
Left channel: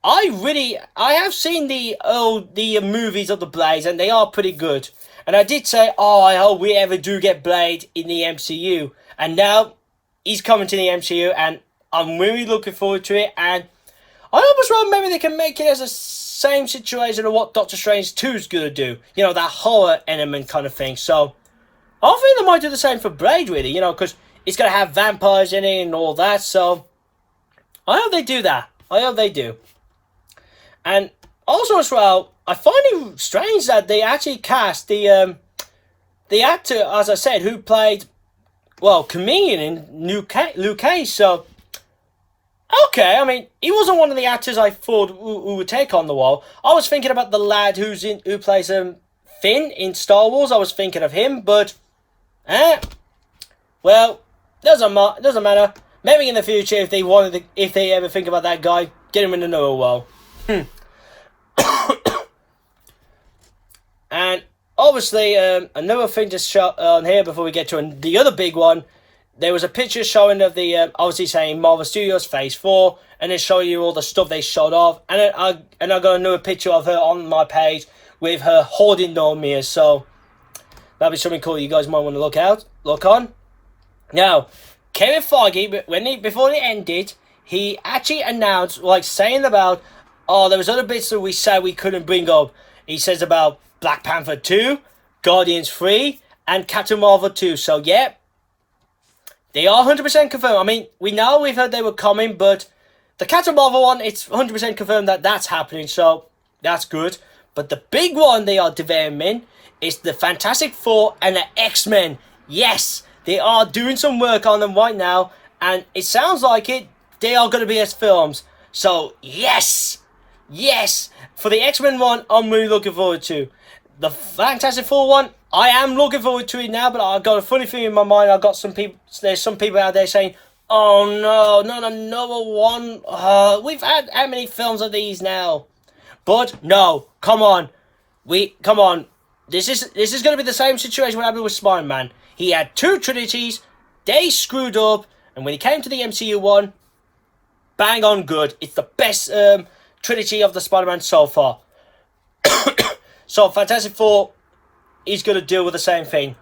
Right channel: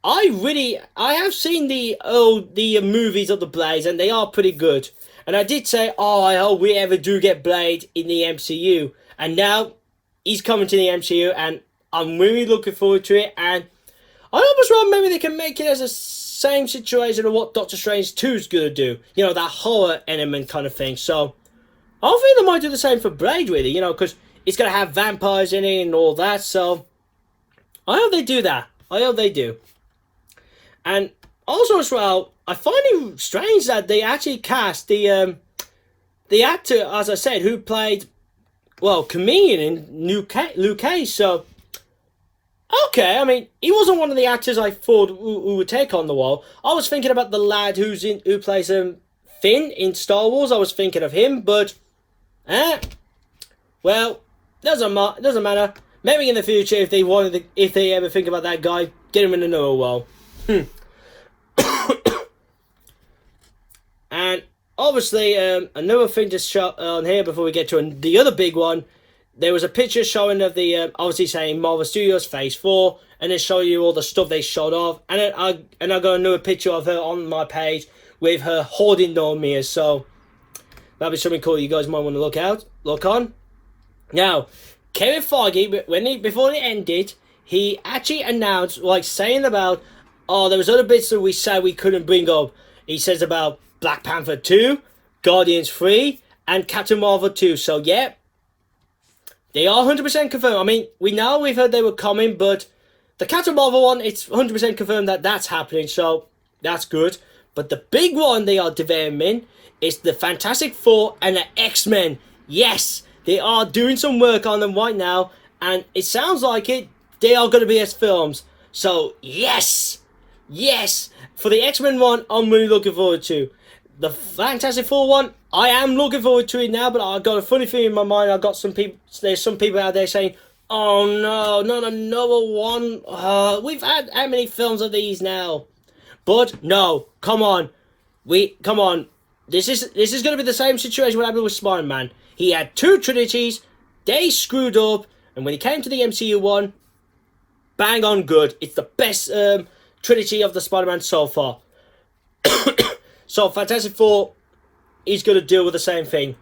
I have seen the movies of the Blades, and they are pretty good. And I did say, I hope we ever do get Blade in the MCU. And now, he's coming to the MCU, and I'm really looking forward to it, and I hope as well maybe they can make it as the same situation of what Doctor Strange 2 is going to do. That horror element kind of thing. So, I think they might do the same for Blade, really, because it's going to have vampires in it and all that. So, I hope they do that. I hope they do. And also as well, I find it strange that they actually cast the actor, as I said, who played, comedian in Luke Cage. So, okay, he wasn't one of the actors I thought who would take on the role. I was thinking about the lad who plays Finn in Star Wars. I was thinking of him, but doesn't matter. Maybe in the future, if they ever think about that guy, get him in another role. And obviously, another thing to show on here before we get to the other big one. There was a picture showing of the obviously saying Marvel Studios Phase 4, and it showed you all the stuff they showed off. And I got another picture of her on my page with her holding the mirror. So that'd be something cool you guys might want to look on. Now, Kevin Feige, before it ended, he actually announced, like, saying about, there was other bits that we said we couldn't bring up. He says about Black Panther 2, Guardians 3, and Captain Marvel 2. So, yeah, they are 100% confirmed. I mean, we've heard they were coming, but the Captain Marvel one, it's 100% confirmed that that's happening, so that's good. But the big one they are developing is the Fantastic Four and the X-Men. Yes, they are doing some work on them right now, and it sounds like they are going to be as films. So, yes, for the X-Men one, I'm really looking forward to. The Fantastic Four one, I am looking forward to it now, but I got a funny thing in my mind. There's some people out there saying, oh no, not another one. We've had how many films of these now? But no, come on. This is going to be the same situation what happened with Spider-Man. He had 2 trilogies, they screwed up, and when he came to the MCU one, bang on good. It's the best trilogy of the Spider-Man so far. So Fantastic Four is going to deal with the same thing.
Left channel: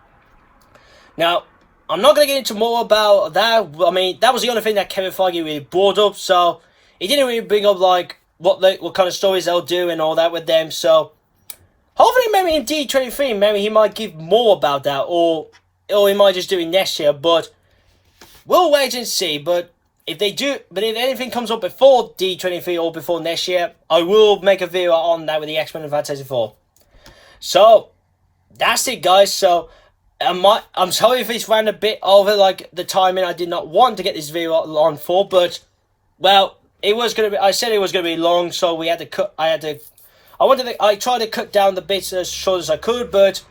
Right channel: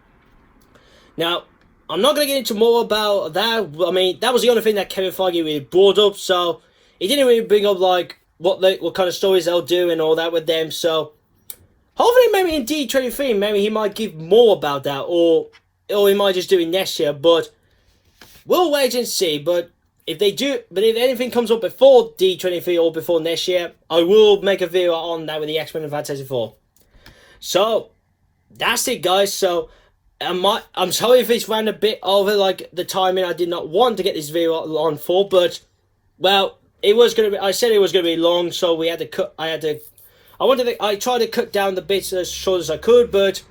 Now, I'm not going to get into more about that. I mean, that was the only thing that Kevin Feige really brought up, so he didn't really bring up, like, what kind of stories they'll do and all that with them, so hopefully maybe in D23, maybe he might give more about that, or he might just do it next year, but we'll wait and see. But if anything comes up before D23 or before next year, I will make a video on that with the X-Men and Fantastic Four. So, that's it, guys. So, I'm sorry if it's ran a bit over, like, the timing I did not want to get this video on for, but, well, I said it was going to be long, so I tried to cut down the bits as short as I could, but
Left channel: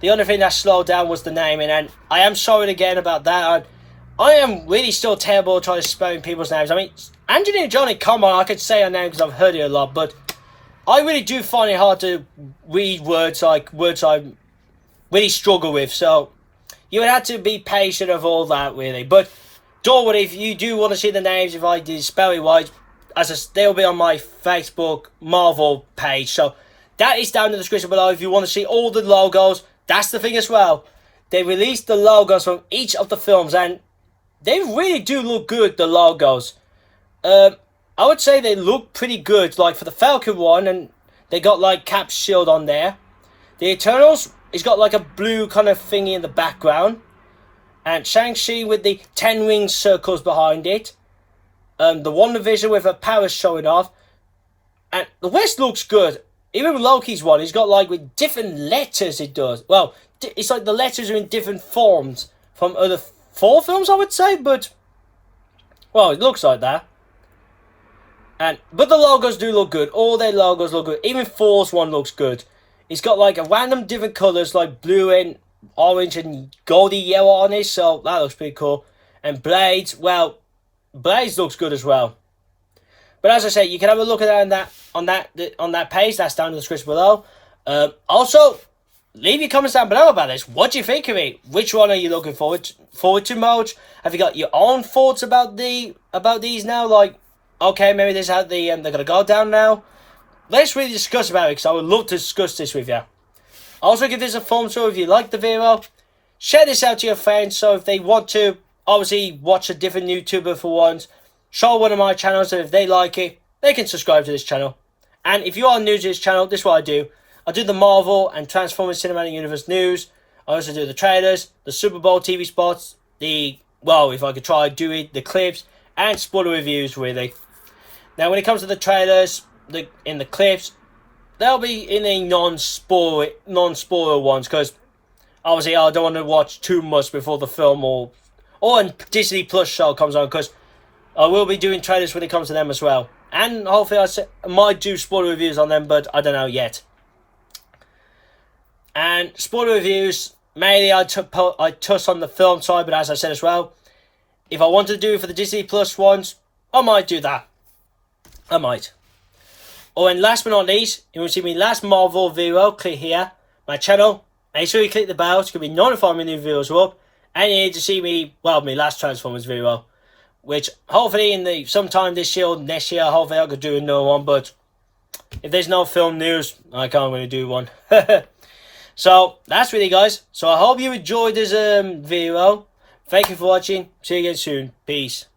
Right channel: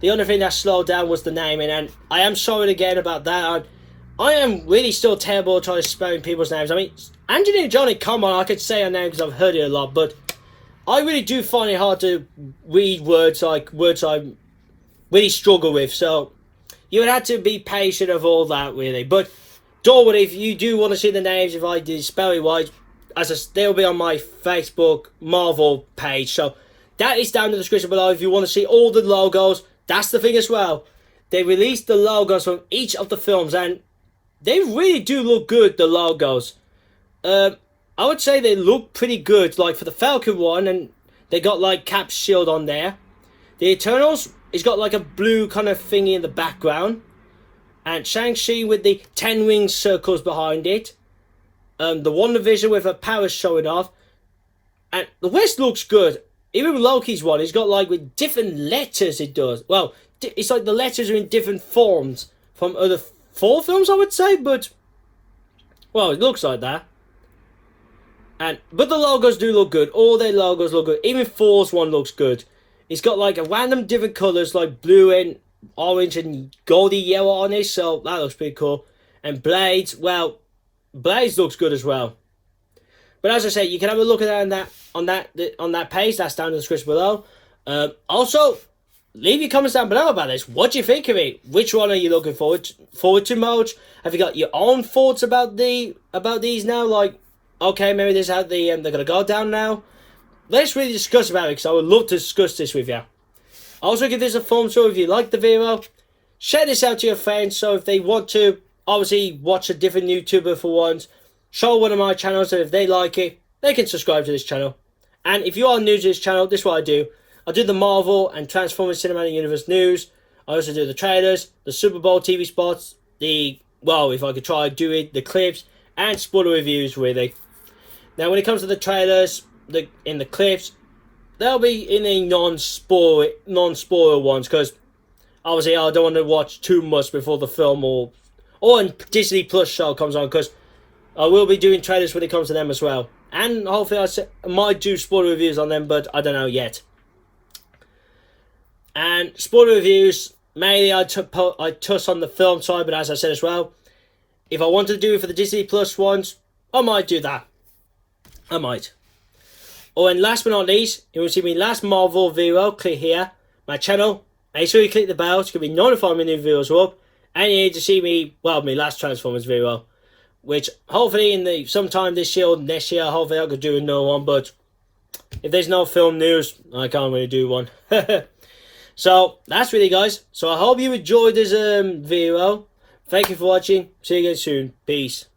the only thing that slowed down was the naming, and I am sorry again about that. I am really still terrible at trying to spelling people's names. I mean, Angelina Jolie, come on, I could say her name because I've heard it a lot, but I really do find it hard to read words I really struggle with, so you would have to be patient of all that, really. But don't worry, if you do want to see the names, if I did spell it right, they'll be on my Facebook Marvel page, so that is down in the description below. If you want to see all the logos, that's the thing as well. They released the logos from each of the films, and they really do look good, the logos. I would say they look pretty good, like for the Falcon one, and they got like Cap's shield on there. The Eternals, it's got like a blue kind of thingy in the background. And Shang-Chi with the 10 ring circles behind it. The WandaVision with her powers showing off. And the West looks good. Even Loki's one, it's got like with different letters it does. Well, it's like the letters are in different forms from other 4 films, I would say, but well, it looks like that. But the logos do look good. All their logos look good. Even Thor's one looks good. It's got like a random different colours like blue and orange and goldy yellow on it, so that looks pretty cool. And Blades, well, Blades looks good as well. But as I say, you can have a look at that on that page. That's down in the description below. Also, leave your comments down below about this. What do you think of it? Which one are you looking forward to most? Have you got your own thoughts about these now? Like, okay, maybe this is how they're gonna go down now. Let's really discuss about it, because I would love to discuss this with you. Also, give this a thumbs up if you like the video. Share this out to your friends, so if they want to obviously watch a different YouTuber for once, show one of my channels, and if they like it, they can subscribe to this channel. And if you are new to this channel, this is what I do. I do the Marvel and Transformers Cinematic Universe news. I also do the trailers, the Super Bowl TV spots, if I could try, do it, the clips, and spoiler reviews, really. Now, when it comes to the trailers, in the clips, they'll be in a non-spoiler ones, because obviously I don't want to watch too much before the film or when Disney Plus show comes on, because I will be doing trailers when it comes to them as well. And hopefully I might do spoiler reviews on them, but I don't know yet. And spoiler reviews, mainly I touch on the film side, but as I said as well, if I wanted to do it for the Disney Plus ones, I might do that. I might. Oh, and last but not least, you will see my last Marvel video, click here, my channel. Make sure you click the bell to be notified when new videos are up. And you need to see me, well, my last Transformers video, which hopefully sometime this year or next year, hopefully I could do another one. But if there's no film news, I can't really do one. So that's really, guys. So I hope you enjoyed this video. Thank you for watching. See you again soon. Peace.